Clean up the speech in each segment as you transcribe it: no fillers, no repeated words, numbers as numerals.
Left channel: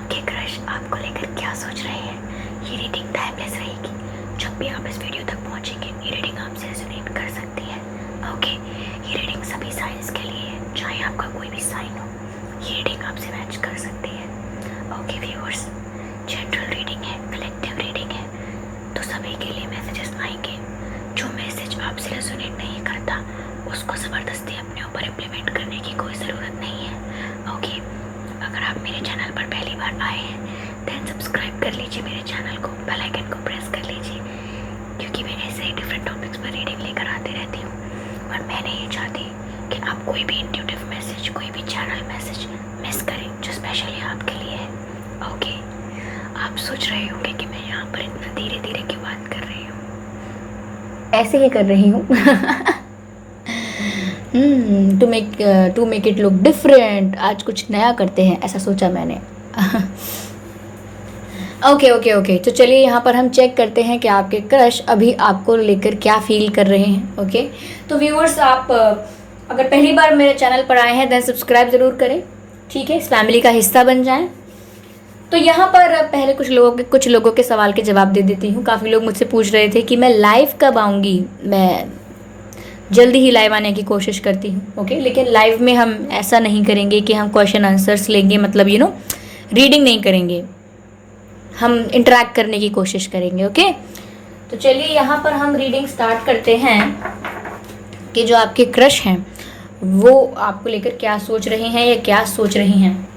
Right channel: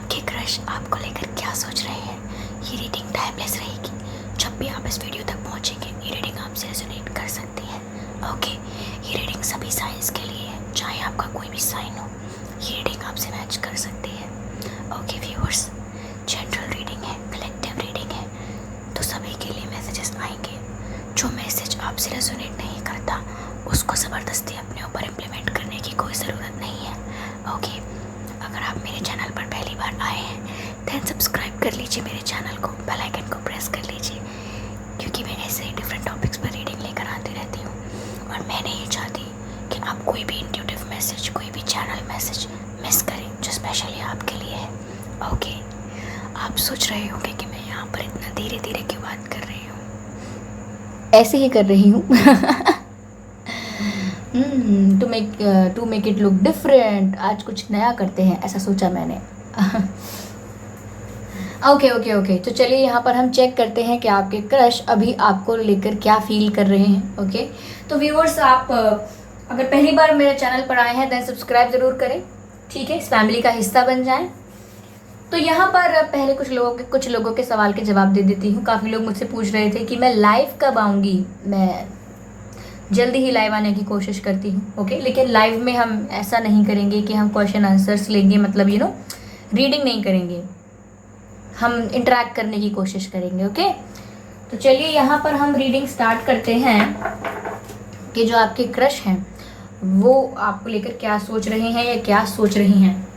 आपके क्रश आपको लेकर क्या सोच रहे हैं। ये रीडिंग टाइमलेस रहेगी। जब भी आप इस वीडियो तक पहुंचेंगे ये रीडिंग आपसे रेजोनेट कर सकती है। ओके, ये रीडिंग सभी साइंस के लिए है, चाहे आपका कोई भी साइन हो, ये रीडिंग आपसे मैच कर सकती है। ओके व्यूअर्स, जनरल रीडिंग है, कलेक्टिव रीडिंग है, तो सभी के लिए मैसेजेस आएंगे। जो मैसेज आपसे रेजोनेट नहीं करता उसको ज़बरदस्ती अपने ऊपर इम्प्लीमेंट करने की कोई ज़रूरत नहीं है। ओके, अगर आप मेरे चैनल पर पहली बार आए हैं दैन सब्सक्राइब कर लीजिए मेरे चैनल को, बेल आइकन को प्रेस कर लीजिए, क्योंकि मैं ऐसे ही डिफरेंट टॉपिक्स पर रीडिंग लेकर आती रहती हूँ। और मैं नहीं चाहती कि आप कोई भी इंट्यूटिव मैसेज, कोई भी चैनल मैसेज मिस करें जो स्पेशली आपके लिए है। ओके, आप सोच रहे होंगे कि मैं यहाँ पर इतना धीरे धीरे क्यों बात कर रही हूँ। ऐसे ही कर रही हूँ to make it look different. आज कुछ नया करते हैं, ऐसा सोचा मैंने ओके, तो चलिए यहाँ पर हम चेक करते हैं कि आपके क्रश अभी आपको लेकर क्या फील कर रहे हैं। ओके, तो व्यूअर्स, आप अगर पहली बार मेरे चैनल पर आए हैं देन सब्सक्राइब ज़रूर करें, ठीक है, इस फैमिली का हिस्सा बन जाएं। तो यहाँ पर पहले कुछ लोगों के सवाल के जवाब दे देती हूँ। काफ़ी लोग मुझसे पूछ रहे थे कि मैं लाइव कब आऊँगी। मैं जल्दी ही लाइव आने की कोशिश करती हूँ। ओके, लेकिन लाइव में हम ऐसा नहीं करेंगे कि हम क्वेश्चन आंसर्स लेंगे, मतलब रीडिंग नहीं करेंगे, हम इंटरेक्ट करने की कोशिश करेंगे। ओके, तो चलिए यहाँ पर हम रीडिंग स्टार्ट करते हैं कि जो आपके क्रश हैं वो आपको लेकर क्या सोच रहे हैं या क्या सोच रही हैं।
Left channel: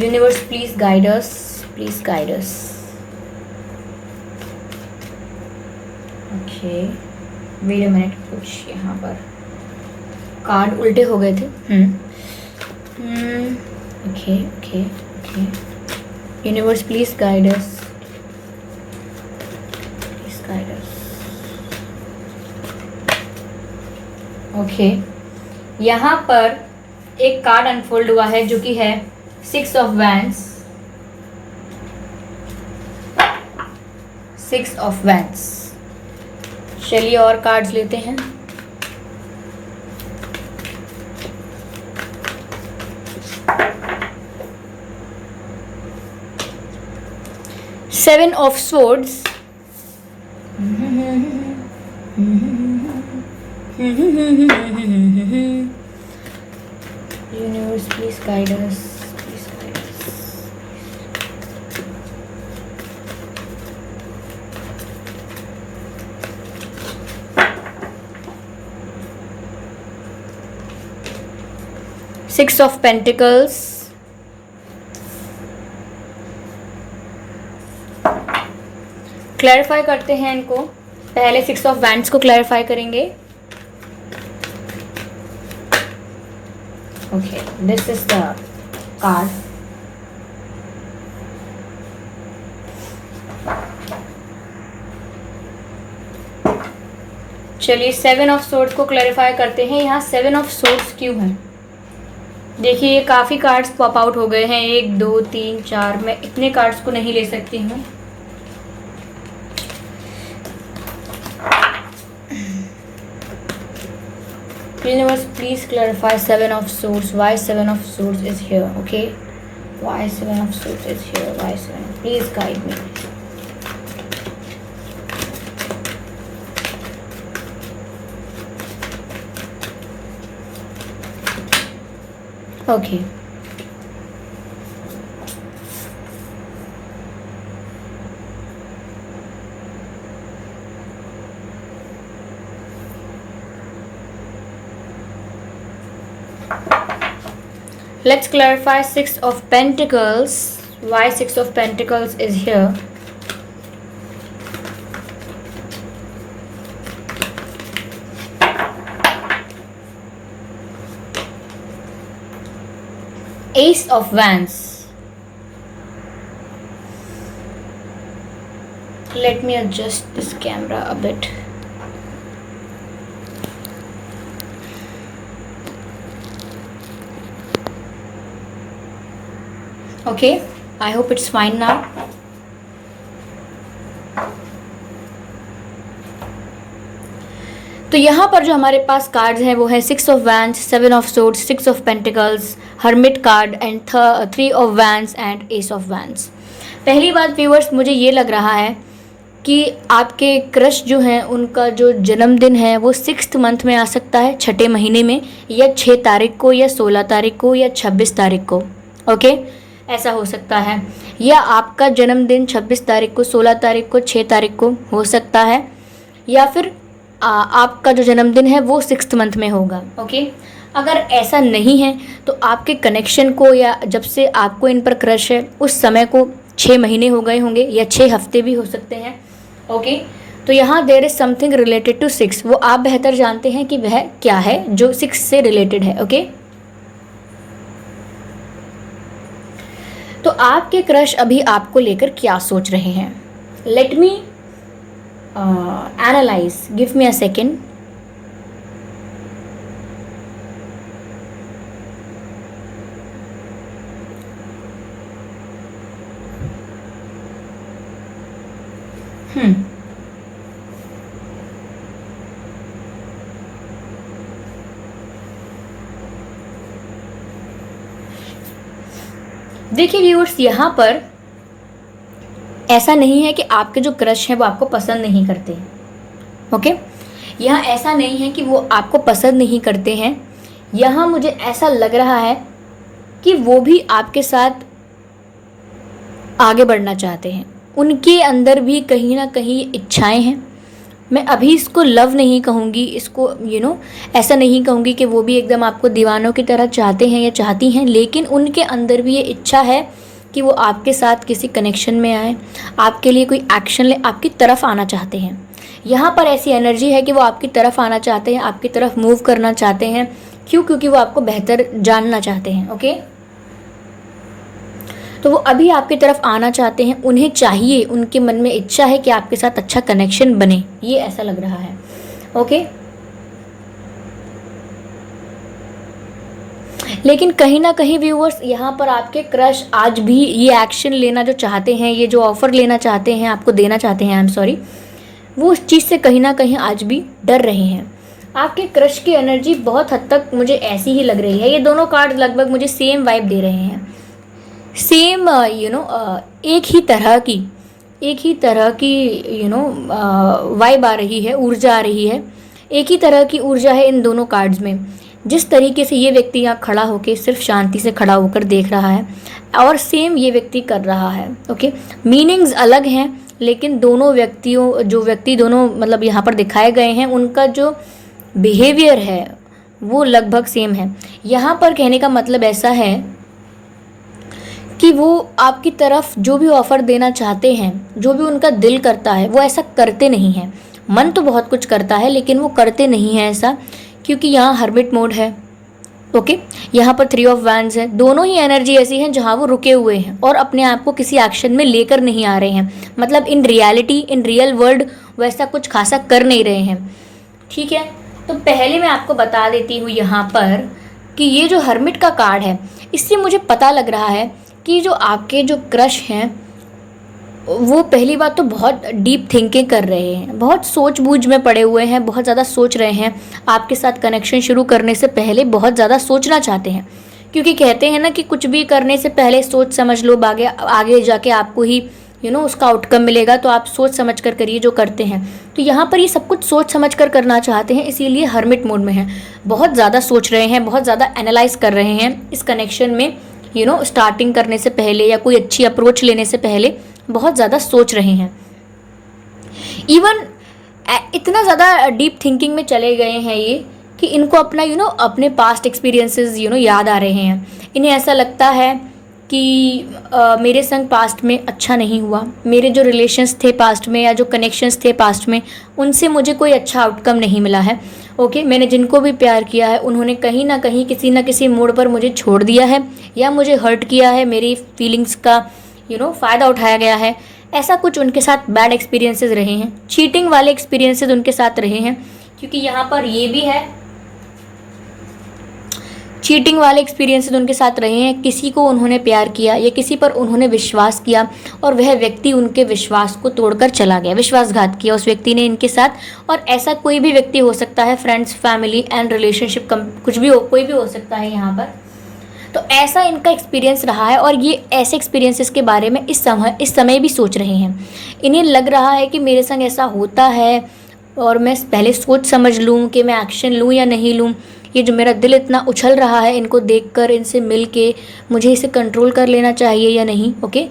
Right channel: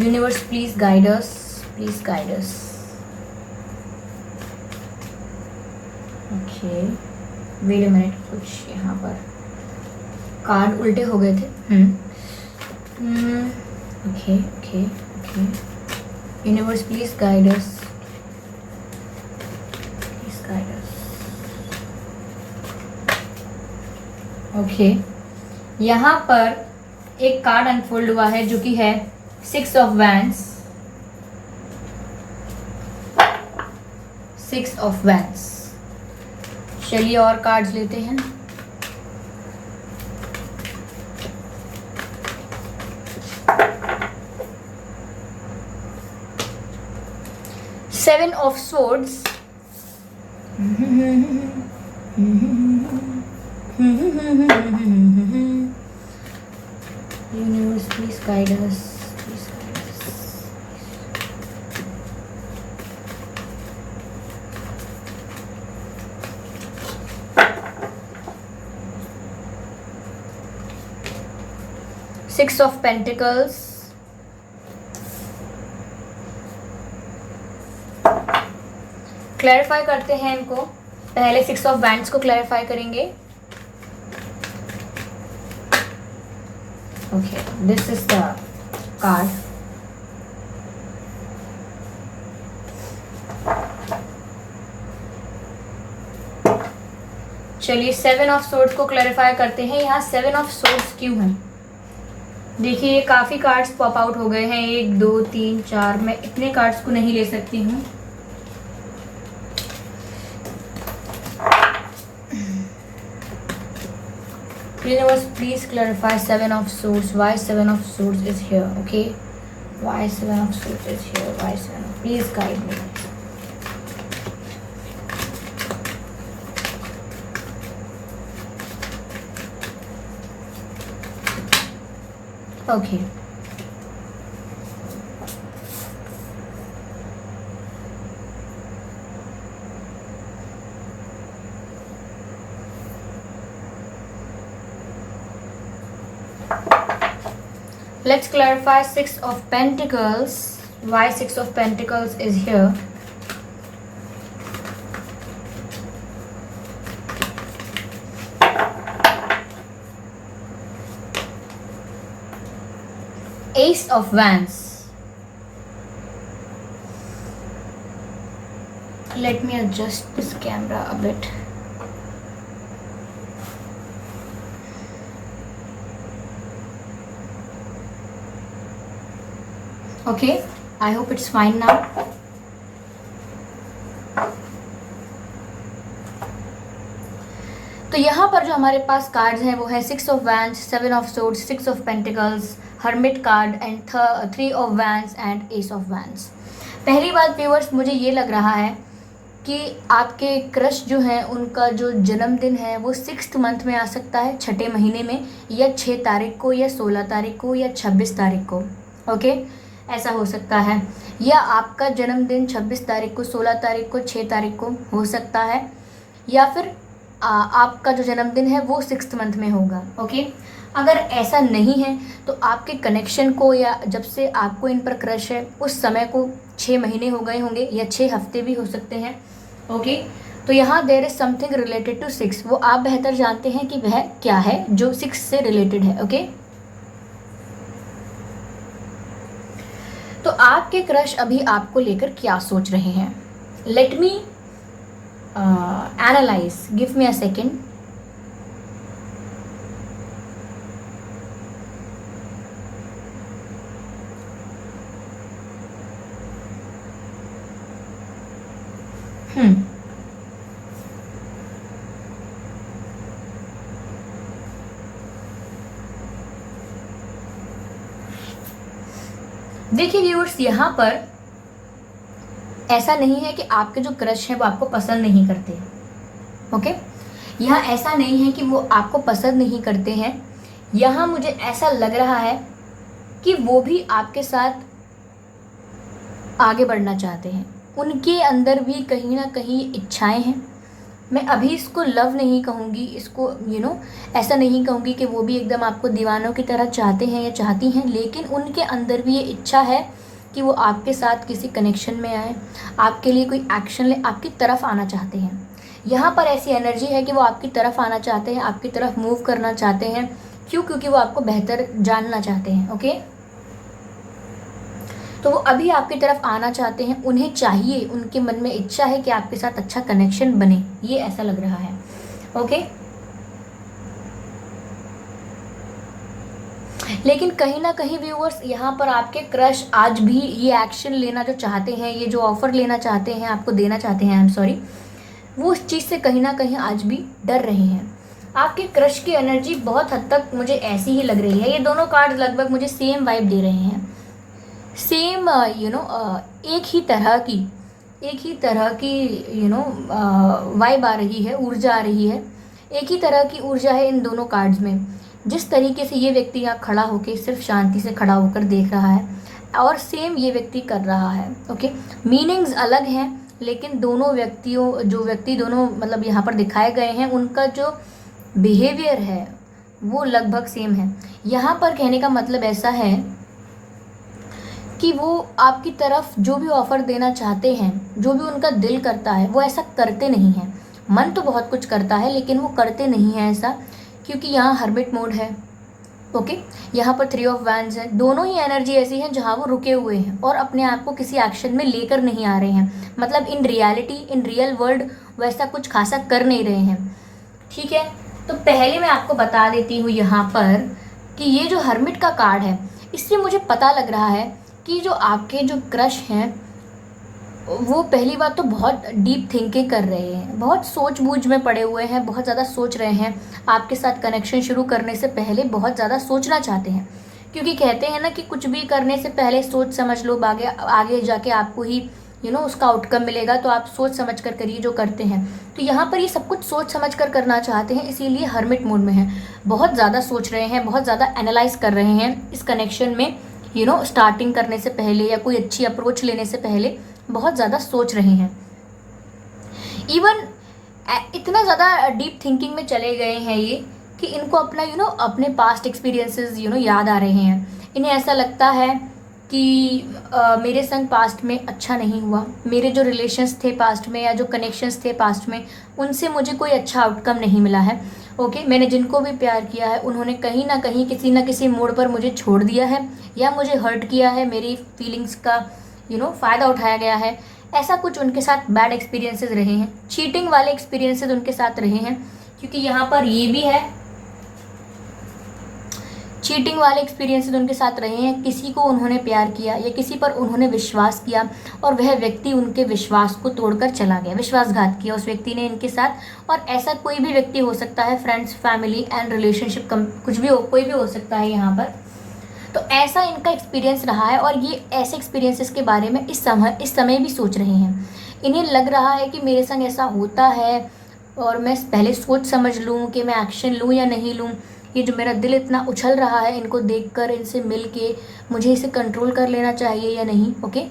Universe please guide us, please guide us. Okay, wait a minute, कुछ यहाँ पर कार्ड उल्टे हो गए थे। Okay okay okay, universe please guide us, please guide us. Okay, यहाँ पर एक कार्ड अनफोल्ड हुआ है जो कि है 6 ऑफ वैंड्स, 6 ऑफ वैंड्स। चलिए और कार्ड्स लेते हैं। Seven of swords, universe please guide us, please guide us. 6 of pentacles, clarify करते हैं इनको। पहले 6 ऑफ वैंड्स को क्लैरिफाई करेंगे। Okay, this is the card. चलिए 7 ऑफ सोर्ड्स को क्लैरिफाई करते हैं। यहाँ 7 ऑफ सोर्ड्स क्यों है? देखिए ये काफ़ी कार्ड्स पॉप आउट हो गए हैं, 1 2 3 4। मैं इतने कार्ड्स को नहीं ले सकती हूँ। Universe, please clarify 7 of swords. Why 7 of swords is here? Okay, why 7 of swords is here? Why 7? Please guide me. Okay. Let's clarify 6 of Pentacles. Why 6 of Pentacles is here? Ace of Wands. Let me adjust this camera a bit. Okay, I hope it's fine now. तो यहाँ पर जो हमारे पास cards हैं वो है 6 of wands, 7 of swords, 6 of pentacles, hermit card and 3 of wands and S of wands. पहली बात व्यूअर्स, मुझे ये लग रहा है कि आपके क्रश जो हैं उनका जो जन्मदिन है वो 6th मंथ में आ सकता है, 6ठे महीने में, या 6 तारीख को या 16 तारीख को या 26 तारीख को। ओके, ऐसा हो सकता है। या आपका जन्मदिन 26 तारीख को, 16 तारीख को, 6 तारीख को हो सकता है, या फिर आपका जो जन्मदिन है वो 6th मंथ में होगा। ओके, अगर ऐसा नहीं है तो आपके कनेक्शन को, या जब से आपको इन पर क्रश है उस समय को 6 महीने हो गए होंगे या 6 हफ्ते भी हो सकते हैं। ओके, तो यहाँ there is something related to 6, वो आप बेहतर जानते हैं कि वह क्या है जो 6 से रिलेटेड है। ओके, तो आपके क्रश अभी आपको लेकर क्या सोच रहे हैं? Let me analyse, give me a second. देखिए व्यूअर्स, यहाँ पर ऐसा नहीं है कि आपके जो क्रश हैं वो आपको पसंद नहीं करते। ओके, यहाँ ऐसा नहीं है कि वो आपको पसंद नहीं करते हैं। यहाँ मुझे ऐसा लग रहा है कि वो भी आपके साथ आगे बढ़ना चाहते हैं, उनके अंदर भी कहीं ना कहीं इच्छाएं हैं। मैं अभी इसको लव नहीं कहूँगी, इसको ऐसा नहीं कहूँगी कि वो भी एकदम आपको दीवानों की तरह चाहते हैं या चाहती हैं, लेकिन उनके अंदर भी ये इच्छा है कि वो आपके साथ किसी कनेक्शन में आए, आपके लिए कोई एक्शन ले, आपकी तरफ आना चाहते हैं। यहाँ पर ऐसी एनर्जी है कि वो आपकी तरफ आना चाहते हैं, आपकी तरफ मूव करना चाहते हैं। क्यों? क्योंकि वो आपको बेहतर जानना चाहते हैं। ओके, तो वो अभी आपकी तरफ आना चाहते हैं, उन्हें चाहिए, उनके मन में इच्छा है कि आपके साथ अच्छा कनेक्शन बने, ये ऐसा लग रहा है। ओके, लेकिन कहीं ना कहीं व्यूअर्स, यहाँ पर आपके क्रश आज भी ये एक्शन लेना जो चाहते हैं, ये जो ऑफर लेना चाहते हैं, आपको देना चाहते हैं, आई एम सॉरी, वो उस चीज़ से कहीं ना कहीं आज भी डर रहे हैं। आपके क्रश की एनर्जी बहुत हद तक मुझे ऐसी ही लग रही है। ये दोनों कार्ड लगभग मुझे सेम वाइब दे रहे हैं, सेम एक ही तरह की वाइब आ रही है, ऊर्जा आ रही है, एक ही तरह की ऊर्जा है इन दोनों कार्ड्स में। जिस तरीके से ये व्यक्ति यहाँ खड़ा होकर सिर्फ शांति से खड़ा होकर देख रहा है और सेम ये व्यक्ति कर रहा है। ओके, मीनिंग्स अलग हैं, लेकिन दोनों व्यक्ति दोनों मतलब यहाँ पर दिखाए गए हैं, उनका जो बिहेवियर है वो लगभग सेम है। यहाँ पर कहने का मतलब ऐसा है कि वो आपकी तरफ जो भी ऑफ़र देना चाहते हैं, जो भी उनका दिल करता है, वो ऐसा करते नहीं हैं। मन तो बहुत कुछ करता है लेकिन वो करते नहीं हैं ऐसा, क्योंकि यहाँ हर्मिट मोड है। ओके, यहाँ पर 3 ऑफ वैंड्स है। दोनों ही एनर्जी ऐसी हैं जहाँ वो रुके हुए हैं और अपने आप को किसी एक्शन में लेकर नहीं आ रहे हैं, मतलब in reality, in real world वैसा कुछ खासा कर नहीं रहे हैं। ठीक है, तो पहले मैं आपको बता देती हूँ यहाँ पर कि ये जो हर्मिट का कार्ड है, इससे मुझे पता लग रहा है कि जो आपके जो क्रश हैं वो पहली बात तो बहुत डीप थिंकिंग कर रहे हैं, बहुत सोच बूझ में पड़े हुए हैं, बहुत ज़्यादा सोच रहे हैं। आपके साथ कनेक्शन शुरू करने से पहले बहुत ज़्यादा सोचना चाहते हैं, क्योंकि कहते हैं ना कि कुछ भी करने से पहले सोच समझ लो, आगे जाके आपको ही उसका आउटकम मिलेगा, तो आप सोच समझ कर करिए जो करते हैं। तो यहाँ पर ये सब कुछ सोच समझ कर करना चाहते हैं, इसीलिए हर्मिट मोड में हैं, बहुत ज़्यादा सोच रहे हैं, बहुत ज़्यादा एनालाइज कर रहे हैं इस कनेक्शन में। स्टार्टिंग करने से पहले या कोई अच्छी अप्रोच लेने से पहले बहुत ज़्यादा सोच रहे हैं। इवन इतना ज़्यादा डीप थिंकिंग में चले गए हैं ये कि इनको अपना अपने पास्ट एक्सपीरियंसेस याद आ रहे हैं। इन्हें ऐसा लगता है कि मेरे संग पास्ट में अच्छा नहीं हुआ, मेरे जो रिलेशंस थे पास्ट में या जो कनेक्शंस थे पास्ट में, उनसे मुझे कोई अच्छा आउटकम नहीं मिला है। ओके, मैंने जिनको भी प्यार किया है उन्होंने कहीं ना कहीं किसी ना किसी मोड़ पर मुझे छोड़ दिया है या मुझे हर्ट किया है, मेरी फीलिंग्स का फ़ायदा उठाया गया है। ऐसा कुछ उनके साथ बैड एक्सपीरियंसेस रहे हैं, चीटिंग वाले एक्सपीरियंसेस उनके साथ रहे हैं, क्योंकि यहाँ पर ये भी है चीटिंग वाले एक्सपीरियंसेस उनके साथ रहे हैं, किसी को उन्होंने प्यार किया या किसी पर उन्होंने विश्वास किया और वह व्यक्ति उनके विश्वास को तोड़कर चला गया, विश्वासघात किया उस व्यक्ति ने इनके साथ। और ऐसा कोई भी व्यक्ति हो सकता है, फ्रेंड्स, फैमिली एंड रिलेशनशिप, कुछ भी हो, कोई भी हो सकता है यहाँ पर। तो ऐसा इनका एक्सपीरियंस रहा है और ये ऐसे एक्सपीरियंसेस के बारे में इस समय भी सोच रहे हैं। इन्हें लग रहा है कि मेरे संग ऐसा होता है और मैं पहले सोच समझ लूँ कि मैं एक्शन लूँ या नहीं लूँ। ये जो मेरा दिल इतना उछल रहा है इनको देखकर, इनसे मिल के, मुझे इसे कंट्रोल कर लेना चाहिए या नहीं। ओके,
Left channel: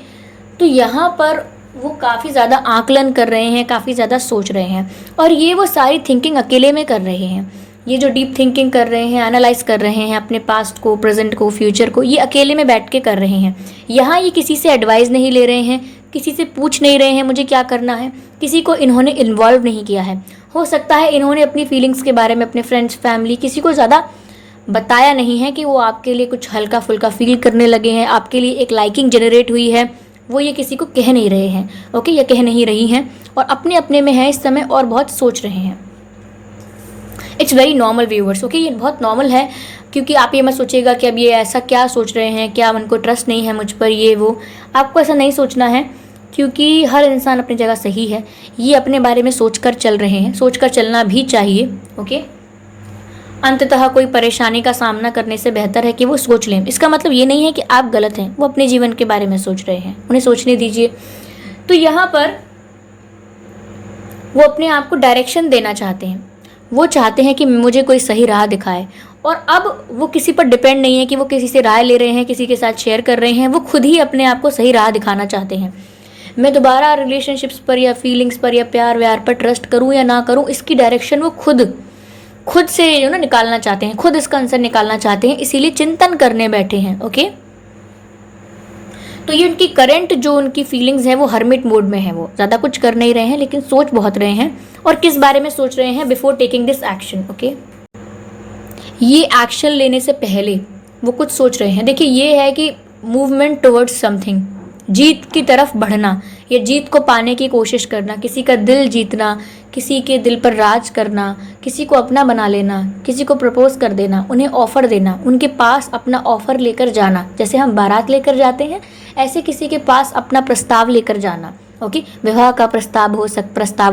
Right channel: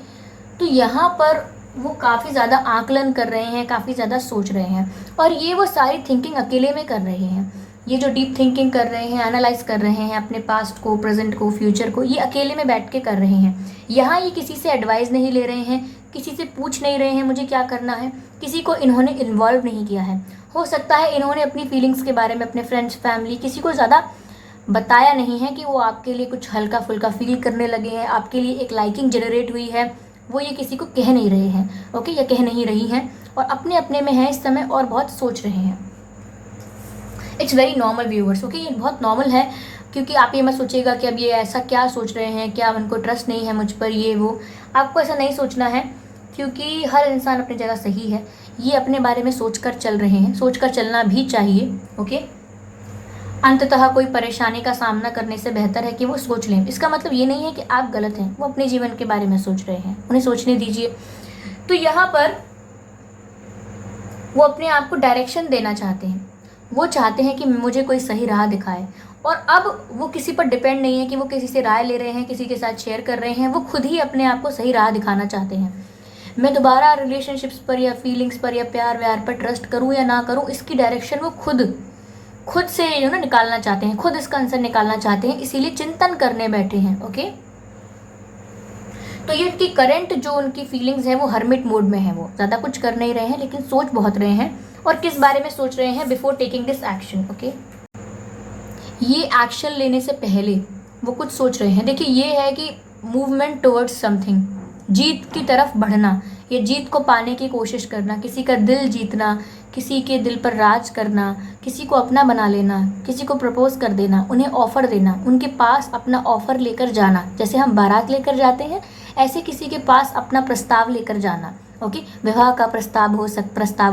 तो यहाँ पर वो काफ़ी ज़्यादा आकलन कर रहे हैं, काफ़ी ज़्यादा सोच रहे हैं और ये वो सारी थिंकिंग अकेले में कर रहे हैं। ये जो डीप थिंकिंग कर रहे हैं, एनालाइज कर रहे हैं अपने पास्ट को, प्रेजेंट को, फ्यूचर को, ये अकेले में बैठ के कर रहे हैं। यहाँ ये किसी से एडवाइस नहीं ले रहे हैं, किसी से पूछ नहीं रहे हैं मुझे क्या करना है, किसी को इन्होंने इन्वॉल्व नहीं किया है। हो सकता है इन्होंने अपनी फीलिंग्स के बारे में अपने फ्रेंड्स, फैमिली, किसी को ज़्यादा बताया नहीं है कि वो आपके लिए कुछ हल्का फुल्का फील करने लगे हैं, आपके लिए एक लाइकिंग जनरेट हुई है, वो ये किसी को कह नहीं रहे हैं। ओके, या कह नहीं रही हैं और अपने अपने में है इस समय और बहुत सोच रहे हैं। It's very normal viewers. Okay, ये बहुत नॉर्मल है, क्योंकि आप ये मत सोचिएगा कि अब ये ऐसा क्या सोच रहे हैं, क्या उनको ट्रस्ट नहीं है मुझ पर, ये वो। आपको ऐसा नहीं सोचना है, क्योंकि हर इंसान अपनी जगह सही है। ये अपने बारे में सोचकर चल रहे हैं, सोचकर चलना भी चाहिए। ओके, अंततः कोई परेशानी का सामना करने से बेहतर है कि वो सोच लें। इसका मतलब ये नहीं है कि आप गलत हैं, वो अपने जीवन के बारे में सोच रहे हैं, उन्हें सोचने दीजिए। तो यहाँ पर वो अपने आप को डायरेक्शन देना चाहते हैं, वो चाहते हैं कि मुझे कोई सही राह दिखाए। और अब वो किसी पर डिपेंड नहीं है कि वो किसी से राय ले रहे हैं, किसी के साथ शेयर कर रहे हैं, वो खुद ही अपने आप को सही राह दिखाना चाहते हैं। मैं दोबारा रिलेशनशिप्स पर या फीलिंग्स पर या प्यार व्यार पर ट्रस्ट करूं या ना करूं, इसकी डायरेक्शन वो खुद से निकालना चाहते हैं, खुद इसका आंसर निकालना चाहते हैं, इसीलिए चिंतन करने बैठे हैं। ओके, तो ये उनकी करंट जो उनकी फीलिंग्स है वो हर्मिट मोड में है, वो ज़्यादा कुछ कर नहीं रहे हैं लेकिन सोच बहुत रहे हैं। और किस बारे में सोच रहे हैं? Before taking this action. Okay, ये एक्शन लेने से पहले वो कुछ सोच रहे हैं। देखिए, ये है कि मूवमेंट टुवर्ड्स समथिंग, जीत की तरफ बढ़ना, ये जीत को पाने की कोशिश करना, किसी का दिल जीतना, किसी के दिल पर राज करना, किसी को अपना बना लेना, किसी को प्रपोज कर देना, उन्हें ऑफ़र देना, उनके पास अपना ऑफ़र लेकर जाना। जैसे हम बारात लेकर जाते हैं, ऐसे किसी के पास अपना प्रस्ताव लेकर जाना। ओके, विवाह का प्रस्ताव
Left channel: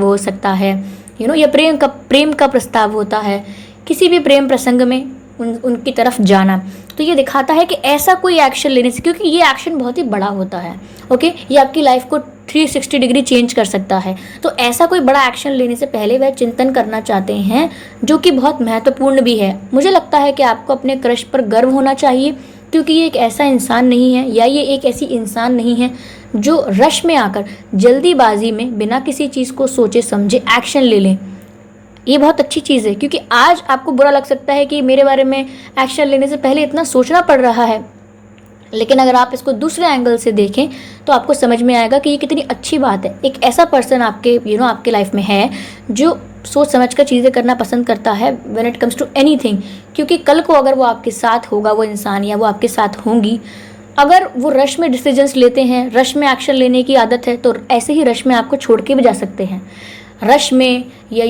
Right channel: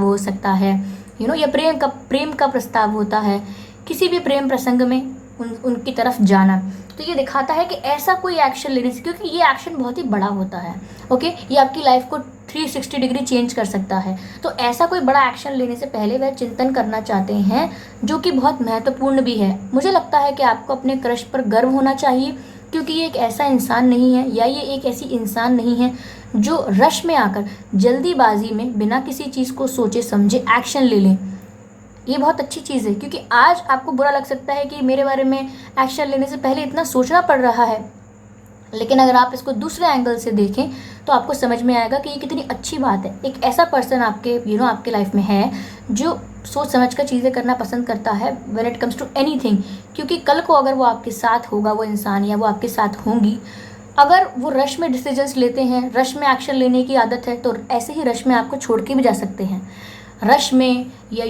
हो सकता है, या प्रेम का प्रस्ताव होता है, किसी भी प्रेम प्रसंग में उनकी तरफ जाना। तो ये दिखाता है कि ऐसा कोई एक्शन लेने से, क्योंकि ये एक्शन बहुत ही बड़ा होता है। ओके, ये आपकी लाइफ को 360 डिग्री चेंज कर सकता है। तो ऐसा कोई बड़ा एक्शन लेने से पहले वह चिंतन करना चाहते हैं, जो कि बहुत महत्वपूर्ण भी है। मुझे लगता है कि आपको अपने क्रश पर गर्व होना चाहिए, क्योंकि ये एक ऐसा इंसान नहीं है, या ये एक ऐसी इंसान नहीं है जो रश में आकर, जल्दीबाजी में, बिना किसी चीज़ को सोचे समझे एक्शन ले लें। ये बहुत अच्छी चीज़ है, क्योंकि आज आपको बुरा लग सकता है कि मेरे बारे में एक्शन लेने से पहले इतना सोचना पड़ रहा है, लेकिन अगर आप इसको दूसरे एंगल से देखें तो आपको समझ में आएगा कि ये कितनी अच्छी बात है। एक ऐसा पर्सन आपके आपके लाइफ में है जो सोच समझ कर चीज़ें करना पसंद करता है when it comes to anything. क्योंकि कल को अगर वो आपके साथ होगा, वो इंसान, या वो आपके साथ होंगी, अगर वो रश में डिसीजंस लेते हैं, रश में एक्शन लेने की आदत है, तो ऐसे ही रश में आपको छोड़ के भी जा सकते हैं। रश में या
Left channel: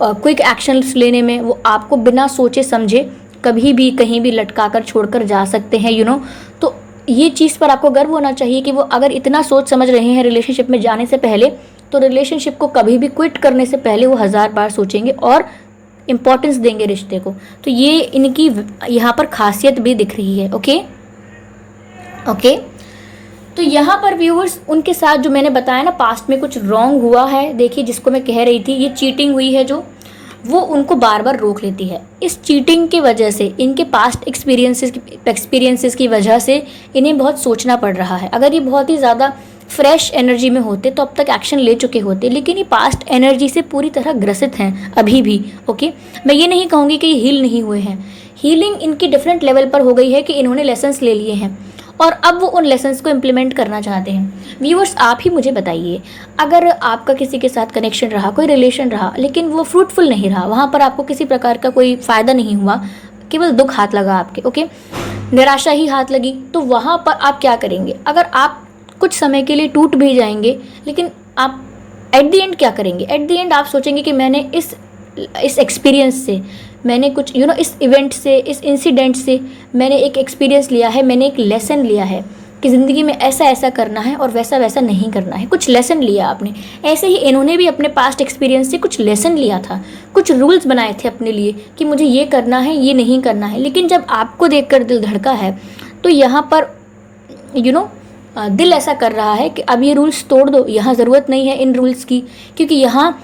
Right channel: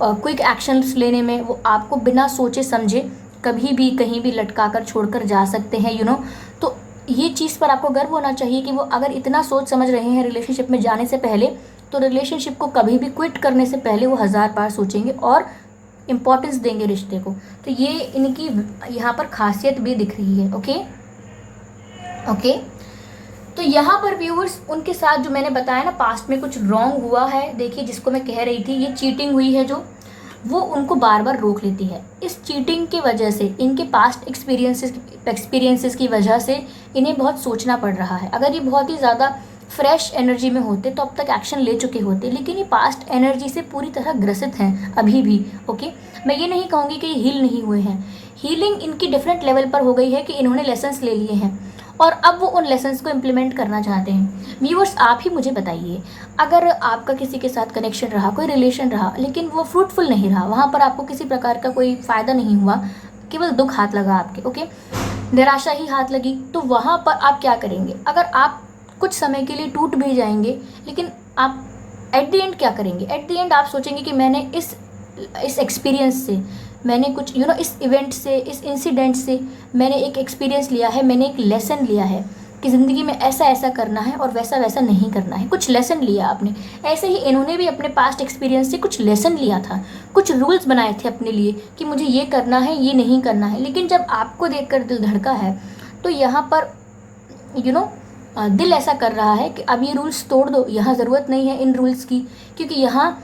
क्विक एक्शंस लेने में वो आपको बिना सोचे समझे कभी भी कहीं भी लटका कर छोड़ कर जा सकते हैं। तो ये चीज़ पर आपको गर्व होना चाहिए कि वो अगर इतना सोच समझ रहे हैं रिलेशनशिप में जाने से पहले, तो रिलेशनशिप को कभी भी क्विट करने से पहले वो 1000 बार सोचेंगे और इम्पोर्टेंस देंगे रिश्ते को। तो ये इनकी यहाँ पर खासियत भी दिख रही है। ओके, तो यहाँ पर व्यूअर्स, उनके साथ जो मैंने बताया ना, पास्ट में कुछ रॉन्ग हुआ है। देखिए, जिसको मैं कह रही थी, ये चीटिंग हुई है जो, वो उनको बार बार रोक लेती है। इस चीटिंग के वजह से, इनके पास्ट एक्सपीरियंसेस की वजह से इन्हें बहुत सोचना पड़ रहा है। अगर ये बहुत ही ज़्यादा फ्रेश एनर्जी में होते तो अब तक एक्शन ले चुके होते, लेकिन ये पास्ट एनर्जी से पूरी तरह ग्रसित हैं अभी भी। ओके, मैं ये नहीं कहूँगी कि ये हील नहीं हुए हैं, हीलिंग इनकी डिफरेंट लेवल पर हो गई है कि इन्होंने लेसन्स ले लिए हैं और अब वो उन लेसन्स को इम्प्लीमेंट करना चाहते हैं। व्यूअर्स, आप ही मुझे बताइए, अगर आपका किसी के साथ कनेक्शन रहा, कोई रिलेशन रहा, लेकिन वो फ्रूटफुल नहीं रहा, वहाँ पर आपको किसी प्रकार का कोई फ़ायदा नहीं हुआ, केवल दुख हाथ लगा आपके, ओके, निराशा ही हाथ लगी, तो वहाँ पर आप क्या करेंगे? अगर आप कुछ समय के लिए टूट भी जाएंगे, लेकिन आप एट द एंड क्या करेंगे? एट द एंड आप सोचेंगे कि मैंने इस एक्सपीरियंस से मैंने कुछ इस इवेंट से, इस इंसिडेंट से मैंने एक एक्सपीरियंस लिया है, मैंने एक लेसन लिया है कि ज़िंदगी में ऐसा ऐसा करना है और वैसा वैसा नहीं करना है। कुछ लेसन लिया आपने। ऐसे ही इन्होंने भी अपने पास्ट एक्सपीरियंस से कुछ लेसन लिया था, कुछ रूल्स बनाए थे अपने लिए कि मुझे ये करना है, ये नहीं करना है। लेकिन जब आपको देखकर दिल धड़का है तो यहाँ पर दिल ऐसा कर रहा है कि अब ये रूल्स तोड़ दो, यहाँ ज़रूरत नहीं है इन रूल्स की, क्योंकि यहाँ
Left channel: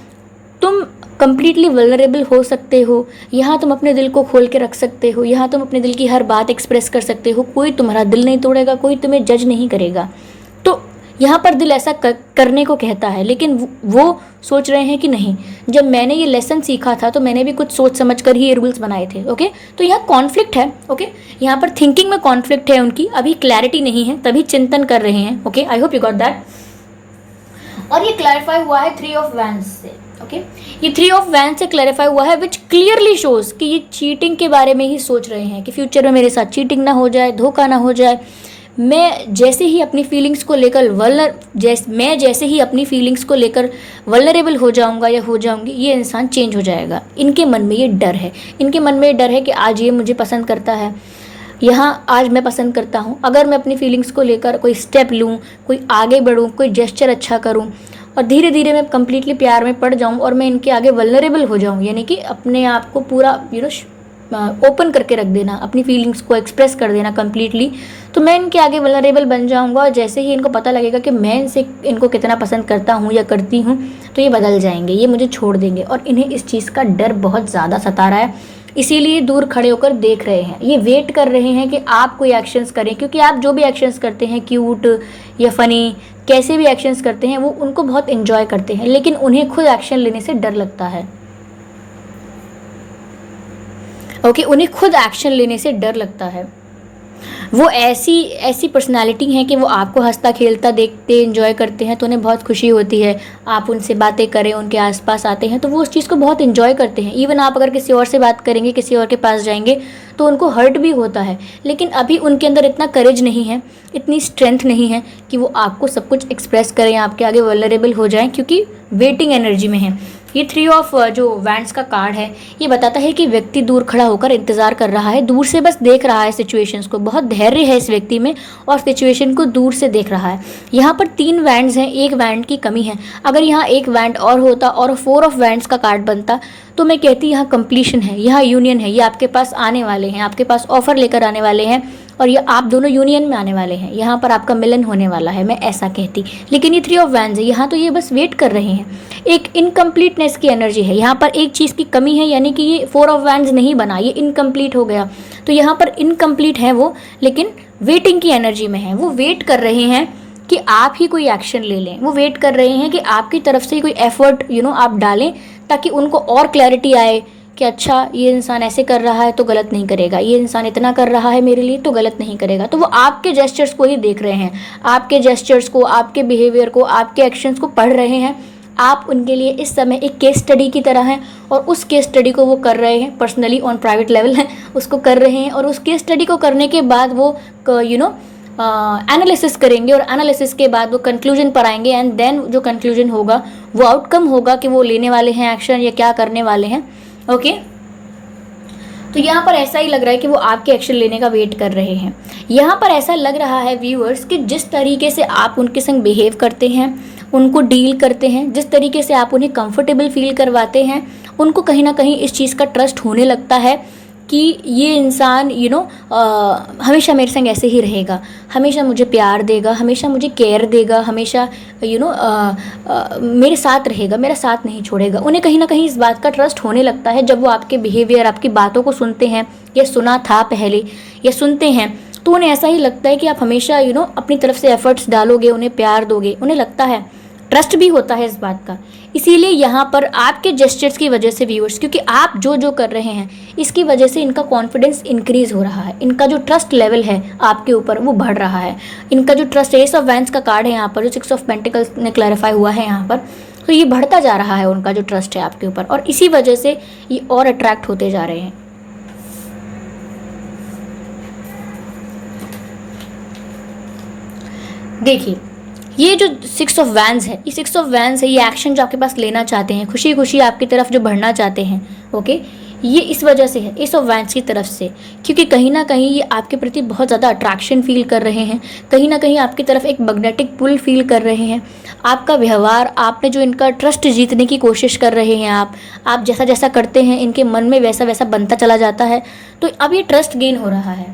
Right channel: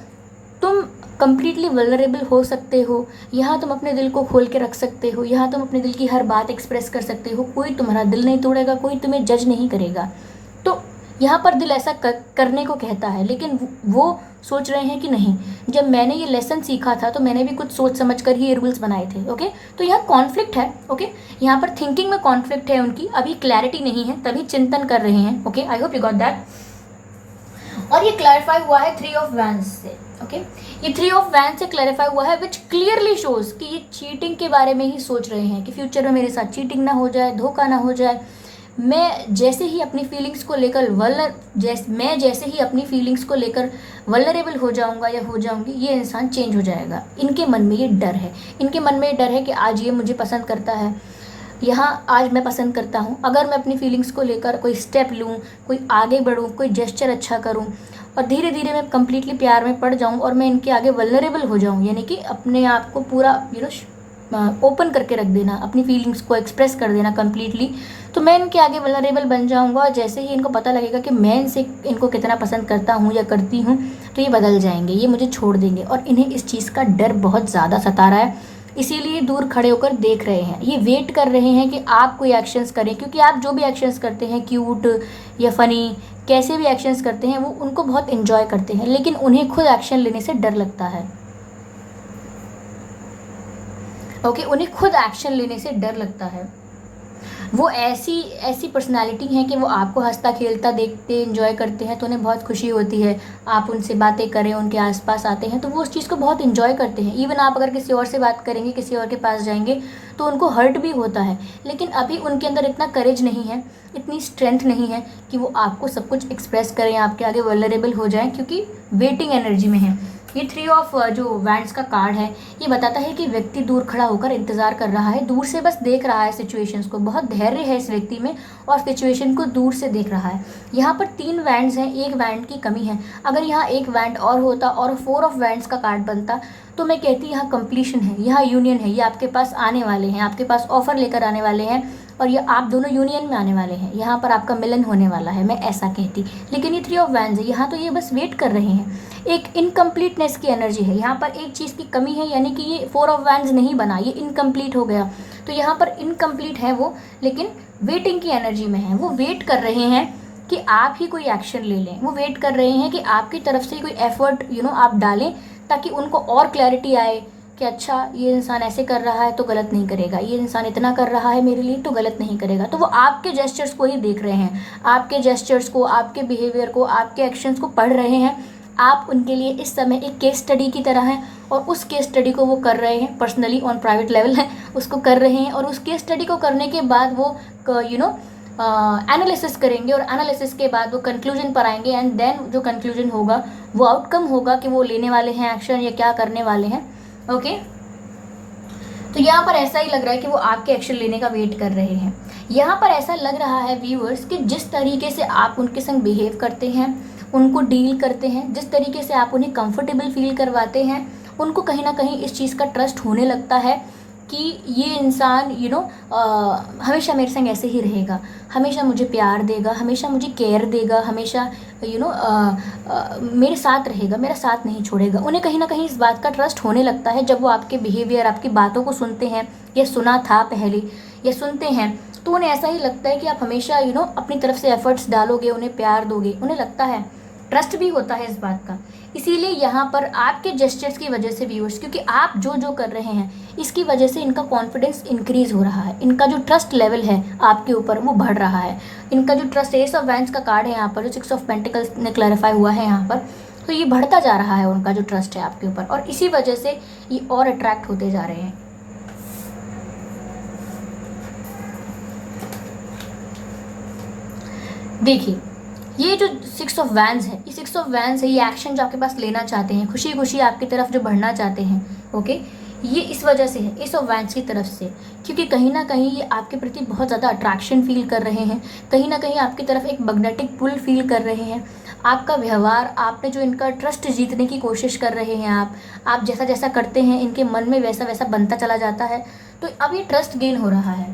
तुम कम्प्लीटली वल्नरेबल हो सकते हो, यहाँ तुम अपने दिल को खोल के रख सकते हो, यहाँ तुम अपने दिल की हर बात एक्सप्रेस कर सकते हो, कोई तुम्हारा दिल नहीं तोड़ेगा, कोई तुम्हें जज नहीं करेगा। तो यहाँ पर दिल ऐसा करने को कहता है, लेकिन वो सोच रहे हैं कि नहीं, जब मैंने ये लेसन सीखा था तो मैंने भी कुछ सोच समझ कर ही ये रूल्स बनाए थे। ओके, तो यहाँ कॉन्फ्लिक्ट है। ओके, यहाँ पर थिंकिंग में कॉन्फ्लिक्ट है उनकी, अभी क्लैरिटी नहीं है, तभी चिंतन कर रहे हैं। Okay, I hope you got that. और ये क्लैरिफाई हुआ है 3 ऑफ वैंड्स से। ओके, ये 3 ऑफ वैंड्स से क्लैरिफाई हुआ है, विच क्लियरली शोज कि ये चीटिंग के बारे में ही सोच रहे हैं कि फ्यूचर में मेरे साथ चीटिंग ना हो जाए, धोखा ना हो जाए। मैं जैसे ही अपनी फीलिंग्स को लेकर वल्नरेबल हो जाऊंगा या हो जाऊंगी, ये इंसान चेंज हो जाएगा। इनके मन में ये डर है, इनके मन में ये डर है कि आज ये मुझे पसंद करता है, यहाँ आज मैं पसंद करता हूँ, अगर मैं अपनी फीलिंग्स को लेकर कोई स्टेप लूँ, कोई आगे बढ़ूँ, कोई जेस्चर अच्छा करूँ और धीरे धीरे मैं कम्प्लीटली प्यार में पड़ जाऊँ और मैं इनके आगे वल्नरेबल हो जाऊँ, यानी कि अपने आप को पूरा ओपन करके रख देना, अपनी फीलिंग्स को एक्सप्रेस कर देना कम्प्लीटली, तो मैं इनके आगे वल्नरेबल बन जाऊँगा। और जैसे ही इनको पता लगेगा कि मैं इनको कितना पसंद करता हूँ या करती हूँ, तो ये बदल जाएंगे, ये मुझे छोड़ देंगे। और इन्हें इस चीज़ का डर बहुत ज़्यादा सता रहा है, इसीलिए दूर खड़े होकर देख रहे हैं, ये वेट कर रहे हैं कि आप कोई एक्शंस करें, क्योंकि आप जो भी एक्शंस करते हैं, क्यूट या फ़नी, कैसे भी एक्शंस करते हैं, वो उनको बहुत एंजॉय करते हैं, लेकिन उन्हें खुद एक्शन लेने से डर लगता है। ओके, उन्हें खुद एक्शन लेने से डर लगता है। वो ऐसी पर्सनालिटी हैं कि वो आपको हंसता खेलता देखते एंजॉय करते हैं तो उन्हें बहुत खुशी होती है। आप उनसे बातें करें, उनके आसपास आते हैं तो वो उस चीज़ को बहुत एंजॉय करते हैं। इवन आप अगर किसी और से बात करेंगे, किसी और के पास जाएंगे तो उनको हर्ट भी होता है, लेकिन अभी उनके अंदर इतना करेज नहीं है, इतनी स्ट्रेंथ नहीं है कि वो आपको सब कुछ एक्सप्रेस करें, आपके आगे वल्नरेबल हो जाएं, क्योंकि वेटिंग एनर्जी में है। ये 3 ऑफ जो वैंड्स का कार्ड है, ये बताता है कि व्यक्ति दूर खड़ा होकर इंतज़ार कर रहा है, दूर से बस देख रहा है सिचुएशंस को, बहुत धैर्य है इस व्यक्ति में और सिचुएशन को दूर से देख रहा है। यहाँ पर 3 वैंड्स हैं, एक वैंड की कमी है। अगर यहाँ एक वैंड और होता और 4 ऑफ वैंड्स का कार्ड बनता तो मैं कहती यहाँ कंप्लीशन है, यहाँ यूनियन है, ये आपके पास आने वाले हैं, आपके पास ऑफर लेकर आने वाले हैं और ये आप दोनों यूनियन में आने वाले हैं, यहाँ पर आपका मिलन होने वाला है, मैं ऐसा कहती। लेकिन ये 3 ऑफ वैंड्स है, यहाँ तो ये बस वेट कर रहे हैं, एक इनकम्प्लीटनेस की एनर्जी है, यहाँ पर एक चीज़ की कमी है, यानी कि ये 4 ऑफ वैंड्स नहीं बना, ये इनकम्प्लीट हो गया। तो यहाँ पर इनकम्प्लीट है वो, लेकिन वेटिंग की एनर्जी में है, वो वेट कर रहे हैं कि आप ही कोई एक्शन ले लें, वो वेट कर रहे हैं कि आपकी तरफ से कोई एफर्ट आप डालें, ताकि उनको और क्लैरिटी आए कि अच्छा ये इंसान ऐसे कर रहा है तो गलत नहीं करेगा, ये इंसान इतना कर रहा है मेरे लिए तो गलत नहीं करेगा। तो वो आपके जेस्चर्स को ही देख रहे हैं, आपके जेस्चर्स को, आपके बिहेवियर को, आपके एक्शंस को पढ़ रहे हैं। आप उनके लिए इस समय एक केस स्टडी की तरह हैं और उस केस स्टडी को वो कर रहे हैं, पर्सनली ऑन प्राइवेट लेवल है उसको कर रहे हैं। और उस केस स्टडी को करने के बाद वो एनालिसिस करेंगे और एनालिसिस के बाद वो कंक्लूजन पर आएंगे एंड देन जो कंक्लूजन होगा वो आउटकम होगा कि वो लेने वाले हैं एक्शन या क्या करने वाले हैं। ओके, तो यहाँ पर ऐसा ही लग रहा है कि वो आपके एक्शन लेने का वेट कर रहे हैं। यहाँ पर ऐसा लग रहा है व्यूअर्स कि जिस तरीके से आप उनके संग बिहेव करते हैं, उनको डील करते हैं, जिस तरीके से आप उन्हें कंफर्टेबल फील करवाते हैं, उनको कहीं ना कहीं इस चीज़ का ट्रस्ट होने लगता है कि ये इंसान हमेशा मेरे संग ऐसे ही रहेगा, हमेशा मुझे प्यार देगा, हमेशा मुझे केयर देगा, हमेशा मेरे साथ रहेगा, मेरा साथ नहीं छोड़ेगा। उन्हें कहीं ना कहीं इस बात का ट्रस्ट होने लगता है जब वो आपके बिहेवियर, आपकी बातों को सुनते हैं या सुना था पहले या सुनते हैं, तो उन्हें ऐसा ही लगता है कि आप हमेशा अपनी तरफ से एफर्ट्स डालोगे, उन्हें प्यार दोगे, उन्हें लगता है, ट्रस्ट भी होता है इस बात का। इसीलिए यहाँ पर आपके जेस्चर्स की वजह से व्यूअर्स, क्योंकि आप जो जो कर रहे हैं इसकी वजह से इनका कॉन्फिडेंस इंक्रीज हो रहा है, इनका जो ट्रस्ट लेवल है आपके ऊपर वो बढ़ रहा है, इनका जो ट्रस्ट, एस ऑफ वैंड्स का कार्ड है यहाँ पर, जो 6 ऑफ पेंटिकल्स ने क्लैरिफाई हुआ है यहाँ पर, तो ये बढ़ता जा रहा है उनका जो ट्रस्ट है आपके ऊपर, और इसी वजह से ये और अट्रैक्ट होते जा रहे हैं। देखिए ये जो 6 ऑफ वैंड्स है, ये एक्शन जो आपके पास लेना चाहते हैं, खुशी खुशी आपकी तरफ जो बढ़ना चाहते हैं, ओके, ये इस वजह से है, एस ऑफ वैंड्स की तरफ से, क्योंकि कहीं ना कहीं ये आपके प्रति बहुत ज़्यादा अट्रैक्शन फील कर रहे हैं, कहीं ना कहीं आपकी तरफ एक मैग्नेटिक पुल फील कर रहे हैं। आपका व्यवहार, आपने जो इनका ट्रस्ट जीतने की कोशिश कर रहे हैं, आप जैसा जैसा करते हैं इनके मन में वैसा वैसा बनता चला जाता है। तो अब ये ट्रस्ट गेन हो रहा है।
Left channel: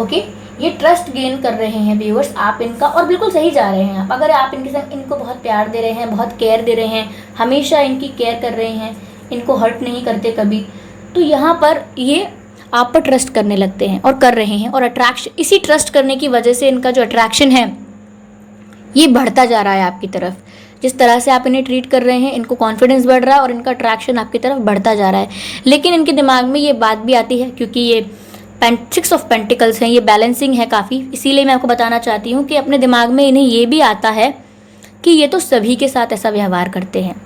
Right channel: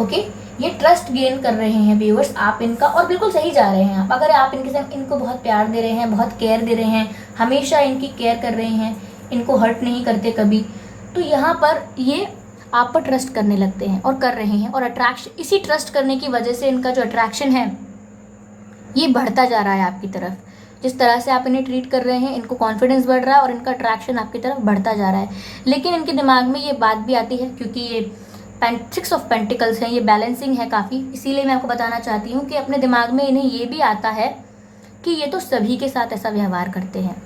ओके, ये ट्रस्ट गेन कर रहे हैं व्यूअर्स आप इनका, और बिल्कुल सही जा रहे हैं आप। अगर आप इनके साथ इनको बहुत प्यार दे रहे हैं, बहुत केयर दे रहे हैं, हमेशा इनकी केयर कर रहे हैं, इनको हर्ट नहीं करते कभी, तो यहाँ पर ये आप पर ट्रस्ट करने लगते हैं और कर रहे हैं। और अट्रैक्शन, इसी ट्रस्ट करने की वजह से इनका जो अट्रैक्शन है ये बढ़ता जा रहा है आपकी तरफ। जिस तरह से आप इन्हें ट्रीट कर रहे हैं, इनको कॉन्फिडेंस बढ़ रहा है और इनका अट्रैक्शन आपकी तरफ बढ़ता जा रहा है। लेकिन इनके दिमाग में ये बात भी आती है, क्योंकि ये 6 ऑफ पेंटिकल्स हैं, ये बैलेंसिंग है काफ़ी, इसीलिए मैं आपको बताना चाहती हूँ कि अपने दिमाग में इन्हें ये भी आता है कि ये तो सभी के साथ ऐसा व्यवहार करते हैं।